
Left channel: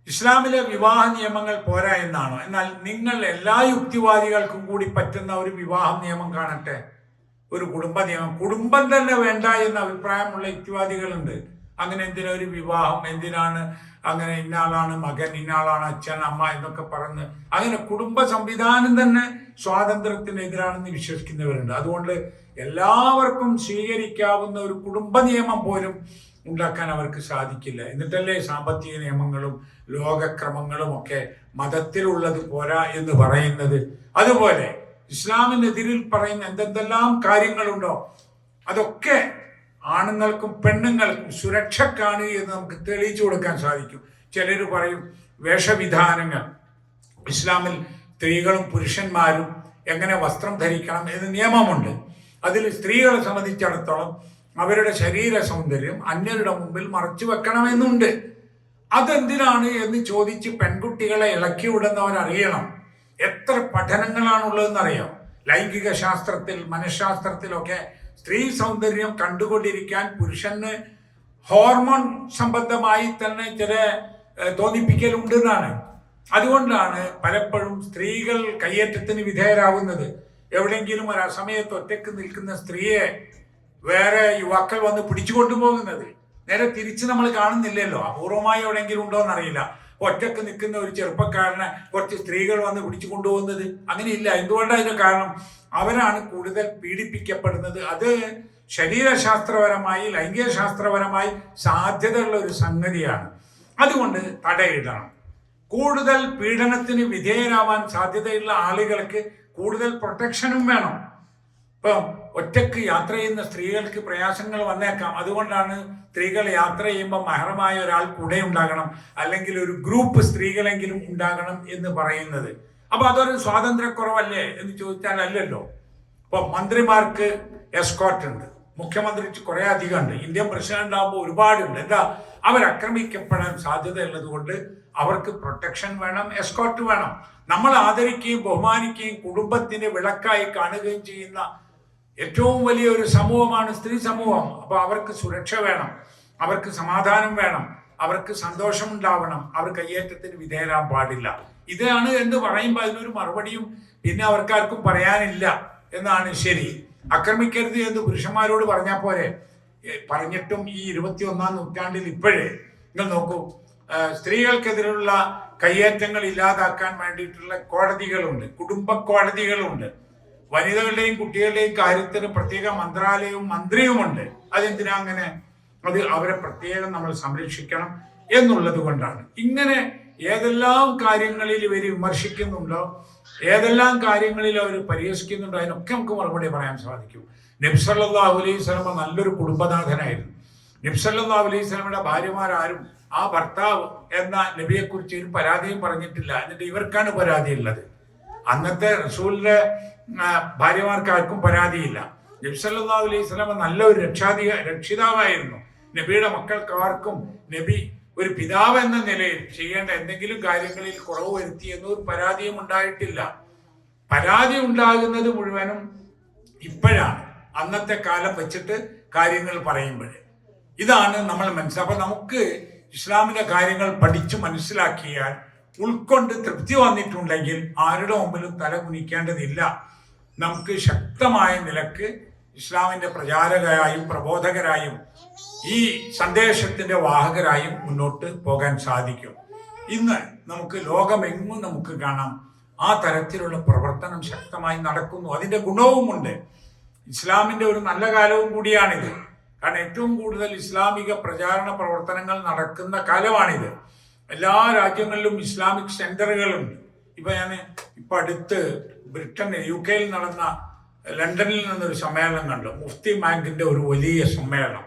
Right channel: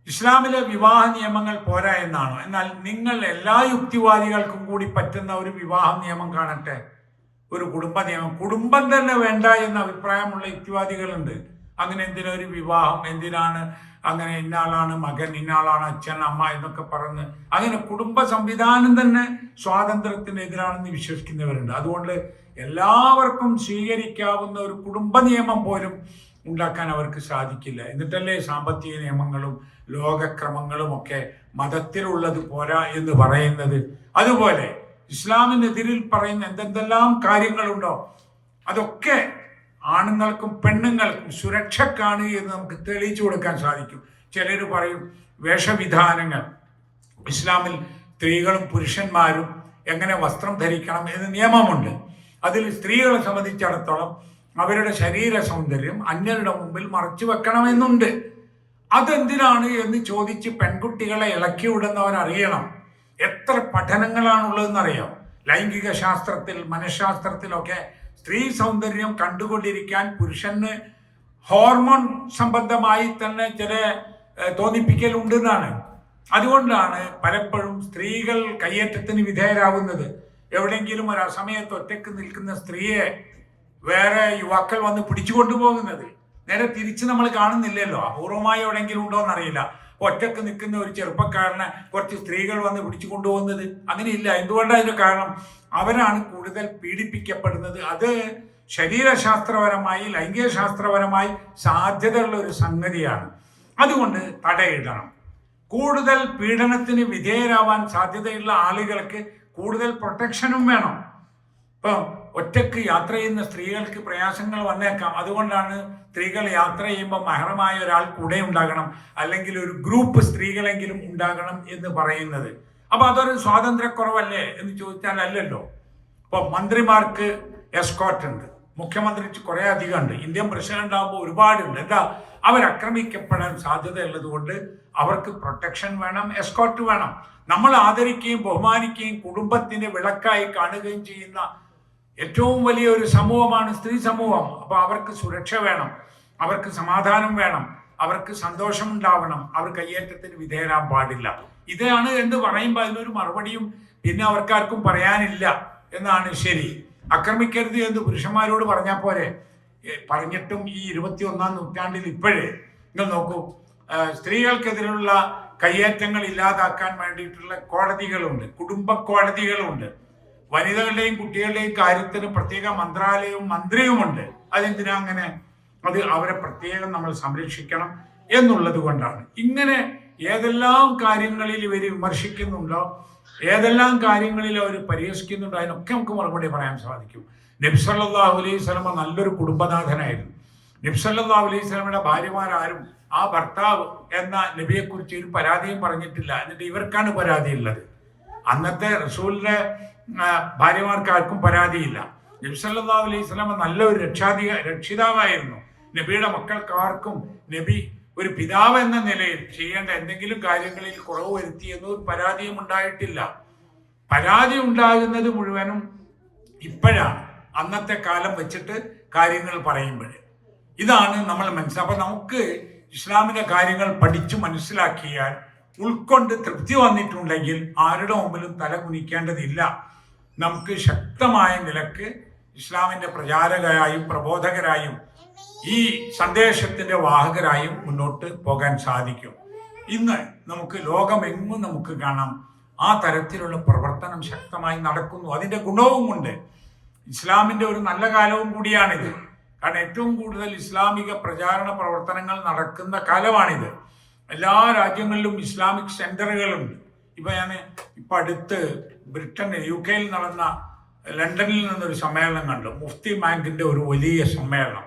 ഇസ്ലാമിലെ വിവാഹ നിയമങ്ങൾ പോരാ എന്നാണോ? എന്നാൽ നിങ്ങൾ എല്ലാ യുക്തിവാദികൾക്കും കൂടി പറ്റുന്ന ഒരു വിവാഹ നിയമം കാണട്ടെ, ഒരു കുടുംബ നിയമം. കുടുംബം തന്നെ വേണ്ട എന്ന അഭിപ്രായമുള്ള യുക്തിവാദികളുണ്ട്. അങ്ങനെ എന്തിനാ ഒരു വിവാഹം, എന്തിനാണ് അങ്ങനെ ഇന്നാളാണ് മകൻ, ഇന്നാളാണ് അച്ഛൻ, അമ്മ എന്നൊക്കെ പറഞ്ഞ് അങ്ങനെ കുടുംബ സംവിധാനം തന്നെ സ്വാതന്ത്ര്യത്തിനെതിരാണെന്ന് വിശ്വസിക്കുന്നവരുണ്ട്. അതുകൊണ്ട് എല്ലാവർക്കും സ്വീകരിക്കാവുന്ന ഒരു കുടുംബ നിയമം പോലും ഉണ്ടാക്കാൻ അവർക്ക് സാധിക്കില്ല. എന്നിട്ടല്ലേ സാമ്പത്തിക നിയമങ്ങളും ലോകക്രമങ്ങളും ഒക്കെ മതത്തിലുള്ളത് പോരാ എന്ന് പറയുന്നത്. അതുപോലെ ഇസ്ലാമിനെതിരിൽ പറയുന്ന എന്തെല്ലാം കാര്യങ്ങളുണ്ടോ അതൊക്കെ ആണുങ്ങൾക്കും പെണ്ണുങ്ങൾക്കും സുരക്ഷക്കാണ് എന്ന് നമുക്ക് തെളിയിച്ചു കൊടുക്കാൻ സാധിക്കും. ചിലർ പറയും വേഷവിധാനങ്ങൾ, ഇസ്ലാമിൽ സ്ത്രീകളും പുരുഷന്മാരും എങ്ങനെ വസ്ത്രം ധരിക്കണം എന്ന് നിയമമുണ്ട്. അതിൽ സ്ത്രീകളെ സംബന്ധിച്ചിടത്തോളം അവരുടെ ശരീര സൗന്ദര്യം അന്യരുടെ മുമ്പിൽ മറച്ചു വെക്കണമെന്നുണ്ട്. അതെന്തിനാണ് എന്ന് ചോദിച്ച് പെൺകുട്ടികളെ ഇളക്കി വിടുന്നവർ അറിയണം. എത്ര പഠനങ്ങളാണുള്ളതെന്നറിയാം. ലൈംഗിക ശാസ്ത്രത്തിൽ, മനഃശാസ്ത്രത്തിലൊക്കെ സ്ത്രീ സൗന്ദര്യം കണ്ടുകൊണ്ടിരിക്കാൻ പുരുഷന് ഹോർമോൺ സംബന്ധമായി തന്നെ ചില തോന്നിപ്പിക്കലുണ്ടെന്നാണ്. അതുകൊണ്ടാണ് പലപ്പോഴും സ്ത്രീകൾ കയ്യേറ്റത്തിന് വിധേയരാകുന്നത്. എവിടെയെങ്കിലും ഒരു അസമയത്ത് ഒറ്റയ്ക്ക് നിൽക്കുന്ന സ്ത്രീയെ വേറെ യുവാക്കൾ വന്ന് പിടിച്ചു കൊണ്ടുപോകുന്നത് നേരെ തിരിച്ച് നമ്മൾ കാണുന്നില്ലല്ലോ. അപൂർവമായി എവിടെയെങ്കിലും ഉണ്ടോ എന്നറിയില്ല. ഒറ്റക്ക് നിൽക്കുന്ന ഒരു ചെറുപ്പക്കാരനെ കുറച്ച് സ്ത്രീകൾ വന്ന് പിടിച്ചു കൊണ്ടുപോകുന്നത് അങ്ങനെയില്ല. എന്തുകൊണ്ടാണ് അതിന്റെ കാരണം? അവരാണ് കൂടുതൽ പീഡിപ്പിക്കപ്പെടുന്നത്. അത് ശരീരശാസ്ത്രപരമായി, ലൈംഗിക ശാസ്ത്രപരമായി സാധ്യതയുള്ള ഒരു സംഗതിയാണ്. അതുകൊണ്ട് തടയിടണം. കൂടുതൽ പീഡനത്തിന് വിധേയരാവാൻ സാധ്യതയുള്ള ആളുകൾക്ക് കൂടുതൽ പ്രൊട്ടക്ഷനും വേണം. ഇപ്പൊ ഒറ്റക്ക് യാത്ര ചെയ്യുന്ന സ്ത്രീകൾക്ക് പ്രയാസങ്ങൾ വന്നേക്കാം. അതുകൊണ്ടാണ് സ്ത്രീകൾ യാത്ര ചെയ്യുമ്പോൾ മഹറമായ ഒരാൾ കൂടെ ഉണ്ടാകണം, അല്ലെങ്കിൽ ഒരു ഗ്രൂപ്പ് സ്ത്രീകളെങ്കിലും ഉണ്ടാകണം എന്ന് പറയുന്നത്. അപ്പൊ അതൊരു സ്വാതന്ത്ര്യക്കുറവല്ലേ എന്ന് ചോദിച്ചാൽ അല്ലല്ലോ. ഇപ്പൊ മന്ത്രിമാർക്ക് എസ്കോർട്ട് ഉണ്ട്, മുഖ്യമന്ത്രിക്ക് കുറെ അധികം ഉണ്ട്, ഇന്ത്യൻ പ്രസിഡന്റ് ആകുമ്പോൾ ഒരുപാടുണ്ട്. എന്താ? അവരാക്രമിക്കപ്പെടാൻ സാധ്യത ഉള്ളത് കൊണ്ട് അവർക്ക് പ്രൊട്ടക്ഷൻ വേണം, എസ്കോർട്ട് വേണം. നമ്മൾ ആദരിക്കുകയും ബഹുമാനിക്കുകയും കുടുംബത്തിന്റെ വിളക്കായി കാണുകയും ചെയ്യുന്ന ഏറ്റവും വലിയൊരു സമൂഹമാണ് സ്ത്രീ സമൂഹം. അപ്പൊ അവർക്ക് സുരക്ഷ വേണം, അവർക്ക് സമാധാനം വേണം, അവർക്ക് സന്തോഷം ഉണ്ടാവണം, അവർ കയ്യേറ്റത്തിന് വിധേയരാൻ പാടില്ല. ഇതാണ് എന്ന് പറയുമ്പോൾ അതിനൊരു മറുപടിയും പിന്നെ അവർക്കാർക്കും പറയാനില്ല എന്നാണ് ശരി. ആക്രമിക്കരുത് എന്ന് പുരുഷന്മാരോട് പറഞ്ഞാൽ പോരെ? പറഞ്ഞിട്ടും ഈ 21-ാം നൂറ്റാണ്ടിൽ ഇപ്പോഴേ നിങ്ങൾ നോക്കൂ, സ്ത്രീകൾക്കെതിരെയുള്ള കയ്യേറ്റങ്ങൾ ഇല്ലാതാക്കാൻ വേണ്ടിയിട്ടുള്ള കോടതികളുണ്ട്, കുടുംബ കോടതികളുണ്ട്. വനിതകളുടെയും കുട്ടികളുടെയും കാര്യത്തിന് പ്രത്യേക മന്ത്രാലയവും മന്ത്രിയുമുണ്ട്. അതെന്തിനാ അങ്ങനെ? അത് അവരെ പ്രത്യേകം നമ്മൾ സംരക്ഷിക്കണം എന്നുള്ളത് കൊണ്ടാണ്. ഇങ്ങനെ ഏതെല്ലാം കാര്യങ്ങളിൽ ഇവർ വിമർശിക്കുന്നുണ്ടോ, ഏതെല്ലാം കാര്യങ്ങളിൽ അവർ പരിഹസിക്കുന്നുണ്ടോ, അതിനൊക്കെ നമുക്ക് മറുപടി പറയാൻ സാധിക്കും. നബി സല്ലല്ലാഹു അലൈഹി വസല്ലം നല്ലൊരു കുടുംബനാഥനായിരുന്നു. നബി സല്ലല്ലാഹു അലൈഹി വസല്ലമയുടെ ഭാര്യമാരാരും ആ ഭർത്താവ് എന്ന നബിയെ കുറിച്ച് ഒരു പരാതിയും പറഞ്ഞിട്ടില്ല. എന്നിട്ട് ഇവർക്കാണ് പരാതിയുള്ളത്. അന്നത്തെ റസൂലിന്റെ ഭാര്യമാർക്ക് ആർക്കും പരാതിയില്ല. നബി സല്ലല്ലാഹു അലൈഹി വസല്ലം നല്ല ഒരു രക്ഷിതാവായിരുന്നു. നബിയുടെ മക്കൾക്ക് ആർക്കും നബി ഒരു പിതാവ് എന്ന നിലയിൽ ചെയ്യേണ്ട എന്തെങ്കിലും കാര്യങ്ങളിൽ കുറവ് വരുത്തി എന്നൊരു പരാതിയും ഉണ്ടായിട്ടില്ല. പരാതി ഉണ്ടാകുന്നത് മുഴുവനും ഇപ്പോഴാണ്, അന്നത്തെ കാലം വെച്ചിട്ട് കാര്യങ്ങൾ പറയുമ്പോൾ. ഇതാണ് നമ്മൾ മനസ്സിലാക്കുക. അപ്പൊ നമുക്ക് ഇസ്ലാമിന്റെ കാര്യങ്ങൾ പഠിച്ചു മനസ്സിലാക്കിയാൽ, ഉൾക്കൊണ്ട് തൃപ്തി വന്നിട്ടുണ്ടെങ്കിൽ ആരുടെ മുമ്പിലും തല കുനിക്കേണ്ടതില്ല. നമുക്ക് ശക്തമായ നിലക്ക് ഇസ്ലാമിന്റെ പ്രചാരകരായും പ്രബോധകരായും ഈ സന്ദേശത്തിന്റെ വാഹകരായും മുന്നോട്ട് പോകാൻ സാധിക്കും. ഇന്ന് നമുക്ക് ലോകമെങ്ങും നമുക്ക് കാണാം ആ തരത്തിലുള്ള പ്രവർത്തനം ശക്തമായി നടക്കുന്നു. അതിന്റെ ഗുണവുമുണ്ട്. ഇസ്ലാമിന്റെ ഒരു നല്ല കാലവും കൂടിയാണിത്. കാരണം ഏറ്റവും കൂടുതൽ ഇസ്ലാമിക പ്രചാരണ പ്രവർത്തനങ്ങൾ നടക്കുന്ന കാലമാണിത്. എല്ലാ രാജ്യങ്ങളിലും ഇസ്ലാമിക് സെന്ററുകളുണ്ട്. ഇപ്പൊ ഞാൻ ഇപ്പൊ അടുത്ത് UK നടന്ന ലണ്ടനിൽ നിന്നൊരു സമ്മേളനം കണ്ടു. മുഫ്തി ബാങ്കിന്റെ ഒരു വലിയ സമ്മേളനം.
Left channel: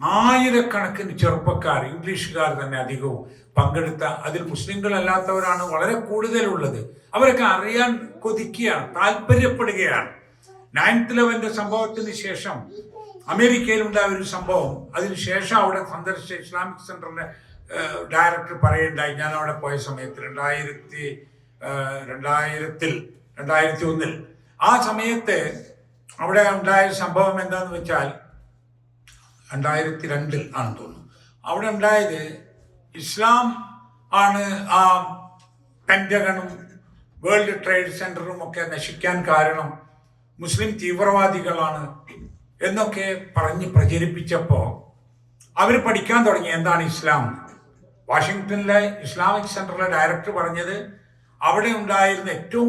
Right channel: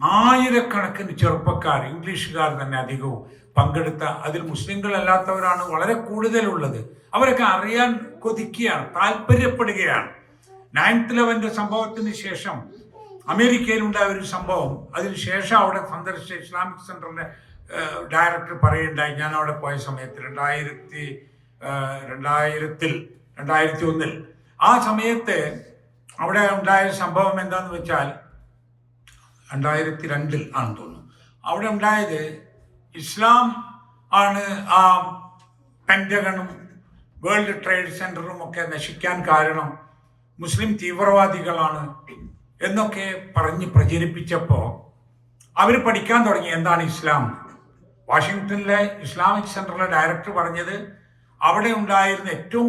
ആയിരക്കണക്കിന് ചെറുപ്പക്കാർ, ഇംഗ്ലീഷുകാർ തന്നെ അധികവും പങ്കെടുത്ത, അതിൽ മുസ്ലിങ്ങളല്ലാത്തവരാണ് വളരെ കൂടുതലുള്ളത്. അവരൊക്കെ അറിയാൻ കൊതിക്കുകയാണ്, താല്പര്യപ്പെടുകയാണ്. 9/11 സംഭവത്തിന് ശേഷം അമേരിക്കയിലുണ്ടായ ഒരു സംഭവം, അതിനുശേഷം അവിടെ സന്ദർശിച്ച ഇസ്ലാമിക് സെന്ററിന്റെ ഡയറക്ടർ പറയുണ്ടായി, ഞാൻ അവിടെ പോയ സമയത്ത് 2001 ആ സമയത്ത് അവിടെ ഉണ്ടായ സംഭവം എന്താന്ന് വെച്ചാൽ 2002 ആണെന്ന് തോന്നുന്നു. അവിടെ ഉണ്ടായത് ഇസ്ലാം ആണ് ആ പെന്റഗണും വേൾഡ് ട്രേഡ് സെന്ററും ഒക്കെ നശിക്കാൻ കാരണം മുസ്ലിം തീവ്രവാദികളാണ് എന്നൊക്കെ പറഞ്ഞ് പ്രചരിപ്പിച്ചപ്പോൾ അവർ പഠിക്കാൻ തുടങ്ങി എന്താണ് ഇസ്ലാം. വാഷിങ്ടണിലെ ഇസ്ലാമിക് സെന്ററിലെ ഡയറക്ടർ പറഞ്ഞത് അവിടെ ഉണ്ടായിരുന്ന ഏറ്റവും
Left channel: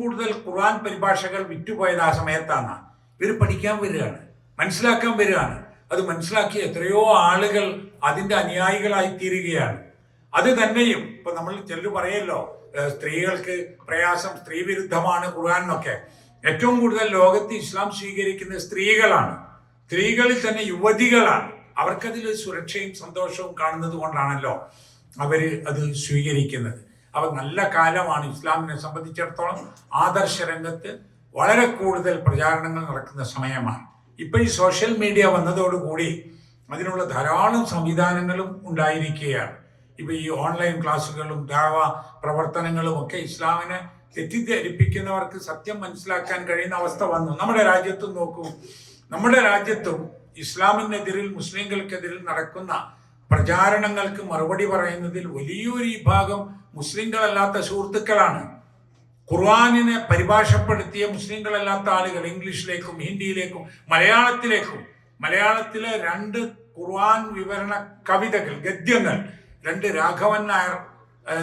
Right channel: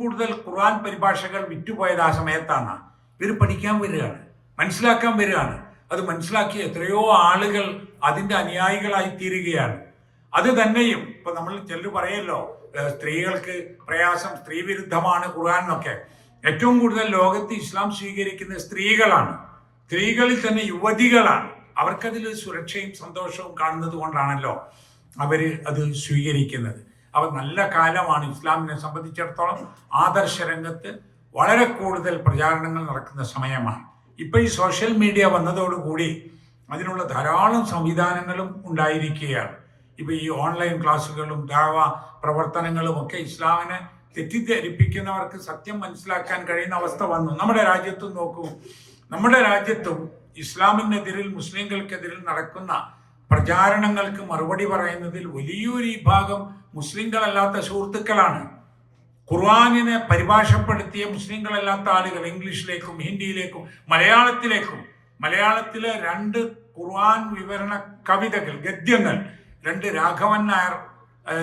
കൂടുതൽ ഖുർആൻ പരിഭാഷകൾ വിറ്റുപോയത് ആ സമയത്താണ്. ഇവർ പഠിക്കാൻ വരികയാണ്, മനസ്സിലാക്കാൻ വരികയാണ്. അത് മനസ്സിലാക്കി എത്രയോ ആളുകൾ അതിന്റെ അനുയായികളായി തീരുകയാണ്. അത് തന്നെയും ഇപ്പൊ നമ്മൾ ചിലർ പറയല്ലോ സ്ത്രീകൾക്ക് പ്രയാസം, സ്ത്രീ വിരുദ്ധമാണ് ഖുർആൻ എന്നൊക്കെ. ഏറ്റവും കൂടുതൽ ലോകത്ത് ഇസ്ലാം സ്വീകരിക്കുന്ന സ്ത്രീകളാണ്. സ്ത്രീകളിൽ തന്നെ യുവതികളാണ്. അവർക്കതിൽ സുരക്ഷയും സന്തോഷവും കാണുന്നത് കൊണ്ടാണല്ലോ അവര് അത് സ്വീകരിക്കുന്നത്. അവ നല്ല കാലമാണ് ഇസ്ലാമിനെ സംബന്ധിച്ചിടത്തോളം. ആദർശ രംഗത്ത് വളരെ കൂടുതൽ പ്രചാരണങ്ങൾ നടക്കുന്ന സമയമാണ്. ഇപ്പൊ ഈ സോഷ്യൽ മീഡിയ വന്നതോടുകൂടി അതിനുള്ള ധാരാളം സംവിധാനങ്ങളും ഉണ്ടായിരിക്കുകയാണ്. ഇപ്പൊ ഈ ഓൺലൈൻ ക്ലാസ്സുകളും ദാവ പ്രവർത്തനങ്ങളും ഒക്കെ ഇസ്ലാമിനെ തെറ്റിദ്ധരിപ്പിക്കുന്നവർക്ക് സത്യം മനസ്സിലാക്കാൻ കഴിയുന്ന അവസ്ഥ വന്നു. നമ്മുടെ രാജ്യത്തും നോക്കൂ, നമ്മുടെ രാജ്യത്തും ഇസ്ലാമിനെതിരിൽ, മുസ്ലിങ്ങൾക്കെതിരിൽ നടക്കുന്ന പ്രചാരണങ്ങൾക്ക് മറുപടി പറയുന്നതിൽ വലിയൊരു വിഭാഗം മുസ്ലിങ്ങളല്ലാത്ത സുഹൃത്തുക്കളാണ്. ഖുർആനിനെ പരിഭാഷപ്പെടുത്തിയ മുസ്ലിങ്ങളല്ലാത്ത ആളുകൾ ഇംഗ്ലീഷിലേക്കും ഹിന്ദിയിലേക്കും മലയാളത്തിലെ 2 ഖുർആൻ വിവരണ കവിതകൾ, ഗദ്യങ്ങൾ, 2 രാഘവൻ നായർ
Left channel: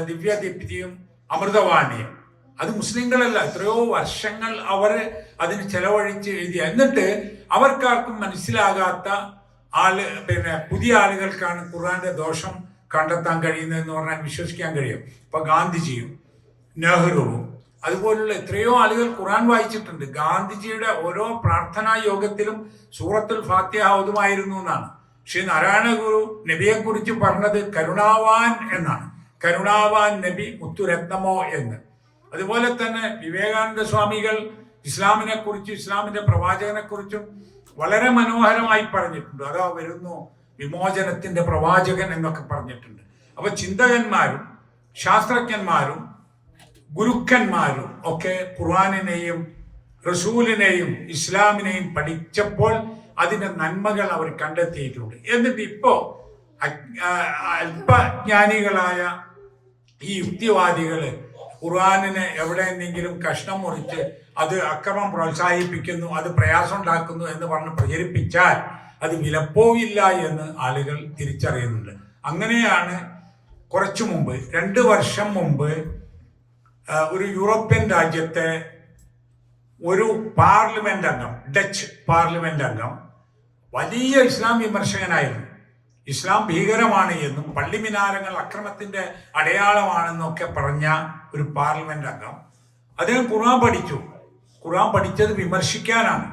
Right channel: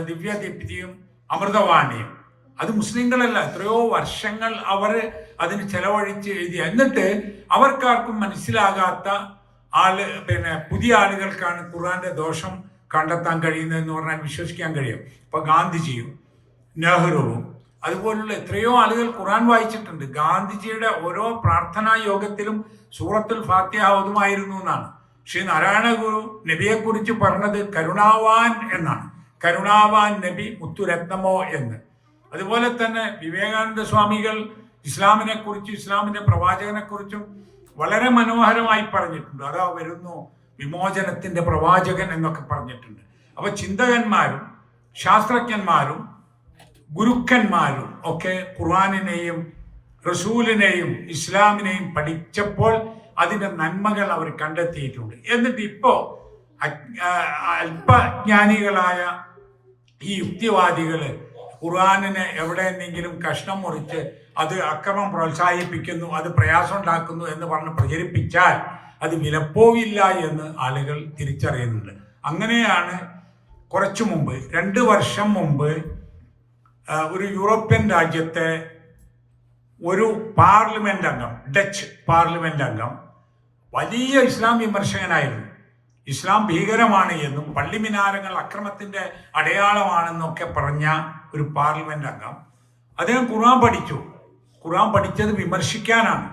ദിവ്യദീപ്തിയും അമൃതവാണിയും, അത് മുസ്ലിങ്ങളല്ല. എത്രയോ വർഷങ്ങൾ അവർ അതിന് ചെലവഴിച്ച് എഴുതിയ, എന്നിട്ട് അവർക്കാർക്കും മനസ്സിലാകാത്ത പുതിയ ആളുകൾക്കാണ് ഖുർആന്റെ ദോഷം കണ്ടെത്താൻ കഴിയുന്നതെന്ന് പറഞ്ഞാൽ വിശ്വസിക്കാൻ കഴിയും. ഇപ്പൊ ഗാന്ധിജിയും നെഹ്റുവും അതുപോലുള്ള എത്രയോ ആളുകൾ ഖുർആൻ വായിച്ചിട്ടുണ്ട്. ഗാന്ധിജിയുടെ ഓരോ പ്രാർത്ഥനാ യോഗത്തിലും സൂറത്തുൽ ഫാത്തിഹ ഓതുമായിരുന്നു എന്നാണ്. ശ്രീ നാരായണ ഗുരു നബിയെ കുറിച്ച് പറഞ്ഞത് കരുണാവാൻ എന്നാണ്. കരുണാവാൻ നബി മുത്തുരത്നമോ എന്ന്. അതുപോലെ തന്നെ വിവേകാനന്ദ സ്വാമികൾ ഇസ്ലാമിനെ കുറിച്ചും ഇസ്ലാമിന്റെ പ്രവാചകനെ കുറിച്ചും വളരെ മനോഹരമായി പറഞ്ഞിട്ടുണ്ട്. അതാ വരുന്നു വിമോചനത്തിന്റെ പ്രവാചകൻ എന്നൊക്കെ പറഞ്ഞിട്ടുണ്ട്. അപ്പൊ ചിന്തകന്മാരും ശാസ്ത്രജ്ഞന്മാരും ഗുരുക്കന്മാരും ഒക്കെ ഖുർആനിനെയും റസൂലിനെയും ഇസ്ലാമിനെയും പഠിച്ചപ്പോൾ അതിന്റെ നന്മകൾ അവർ കണ്ടെത്തിയിട്ടുണ്ട്. എന്നിട്ട് ഇപ്പോ അല്പജ്ഞാനികളായ ഈ യുക്തിവാദികള് ഖുർആനിനെ എവിടെയെങ്കിലും കഷ്ണം മുറിച്ച് അത് അക്രമം പ്രോത്സാഹിപ്പിക്കുന്നു, അത് പ്രയാസം ഉണ്ടാക്കുന്നു എന്ന് പറഞ്ഞ് പ്രചരിപ്പിച്ചാൽ അത് വിലപ്പോവില്ല എന്ന് ആളുകൾ തിരിച്ചറിയുന്നുണ്ട്. അങ്ങനെയാണ് കുറച്ചു മുമ്പ്, 2 വർഷം മുമ്പ്, ഒരു യൂറോപ്യൻ രാജ്യത്തെ ഒരു പാർലമെന്റ് അംഗം, ഡച്ച് പാർലമെന്റ് അംഗം, വലിയ ഇസ്ലാം വിമർശകനായിരുന്നു. ഇസ്ലാം ഭീകരമാണ് എന്നും പള്ളിമിനാരങ്ങൾ അക്രമത്തിന്റെ അടയാളമാണെന്നൊക്കെ പറഞ്ഞ ഒരു പാർലമെന്റ് അംഗം, അദ്ദേഹം ഖുർആൻ പഠിച്ചു. ഖുർആൻ പഠിച്ചത് വിമർശിക്കാനാണ്,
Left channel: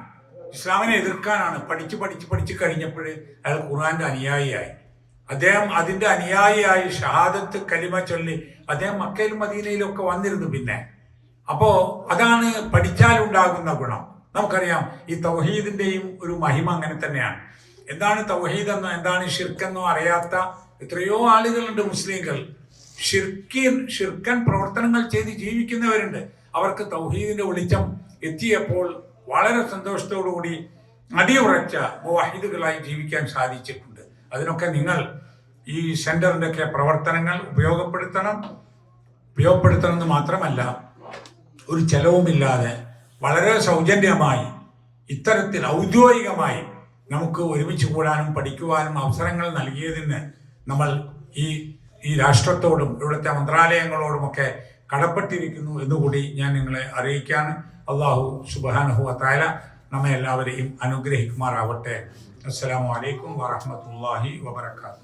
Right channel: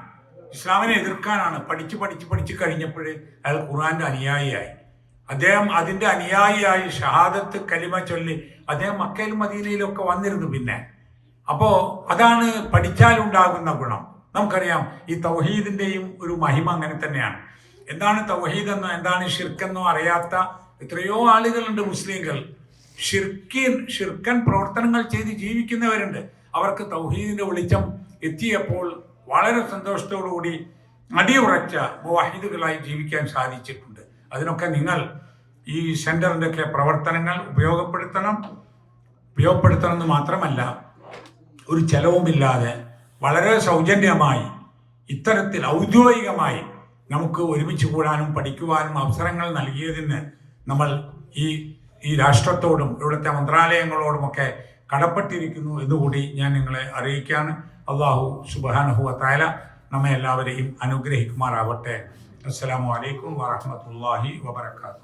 ഇസ്ലാമിനെ എതിർക്കാനാണ്. പഠിച്ച് കഴിഞ്ഞപ്പോൾ അയാൾ ഖുർആന്റെ അനുയായിയായി. അദ്ദേഹം അതിന്റെ അനുയായിയായി ഷഹാദത്ത് കലിമ ചൊല്ലി അദ്ദേഹം മക്കയിലും മദീനയിലും ഒക്കെ വന്നിരുന്നു. പിന്നെ അപ്പോ അതാണ് പഠിച്ചാൽ ഉണ്ടാകുന്ന ഗുണം. നമുക്കറിയാം ഈ തൗഹീദിന്റെയും ഒരു മഹിമ അങ്ങനെ തന്നെയാണ്. എന്താണ് തൗഹീദ് എന്നോ എന്താണ് ഷിർക്കെന്നോ അറിയാത്ത എത്രയോ ആളുകളുണ്ട്. മുസ്ലിങ്ങൾ ഷിർക്കൻ പ്രവർത്തനങ്ങൾ ചെയ്ത് ജീവിക്കുന്നവരുണ്ട്. അവർക്ക് തൗഹീദിന്റെ വെളിച്ചം എത്തിയപ്പോൾ വളരെ സന്തോഷത്തോടുകൂടി അടിയുറച്ച മുവഹിദുകളായി ജീവിക്കാൻ സാധിച്ചിട്ടുണ്ട്. അതിനൊക്കെ നിങ്ങൾ ഈ സെന്ററിന്റെ ഒക്കെ പ്രവർത്തനങ്ങൾ ഉപയോഗപ്പെടുത്തണമെന്ന് മാത്രമല്ല, ഒരു ചെലവുമില്ലാതെ വളരെ സൗജന്യമായി ഇത്തരത്തിൽ ഔദ്യോഗികമായി നമുക്ക് ഒരുമിച്ച് കൂടാനും പഠിക്കുവാനും അവസരങ്ങൾ നൽകിയതിന് നമ്മൾ ഈ രാഷ്ട്രത്തോടും ഇവിടുത്തെ മന്ത്രാലയങ്ങളോടുമൊക്കെ കടപ്പെട്ടിരിക്കുന്നു എന്നുകൂടി ഞാൻ നിങ്ങളെ അറിയിക്കുകയാണ്. അല്ലാഹു സുബ്ഹാനഹു വ തആല നമ്മെ എല്ലാവരെയും അനുഗ്രഹിക്കുമാറാവട്ടെ. അസ്സലാമു അലൈക്കും വറഹ്മത്തുള്ളാഹി വബറകാതുഹു.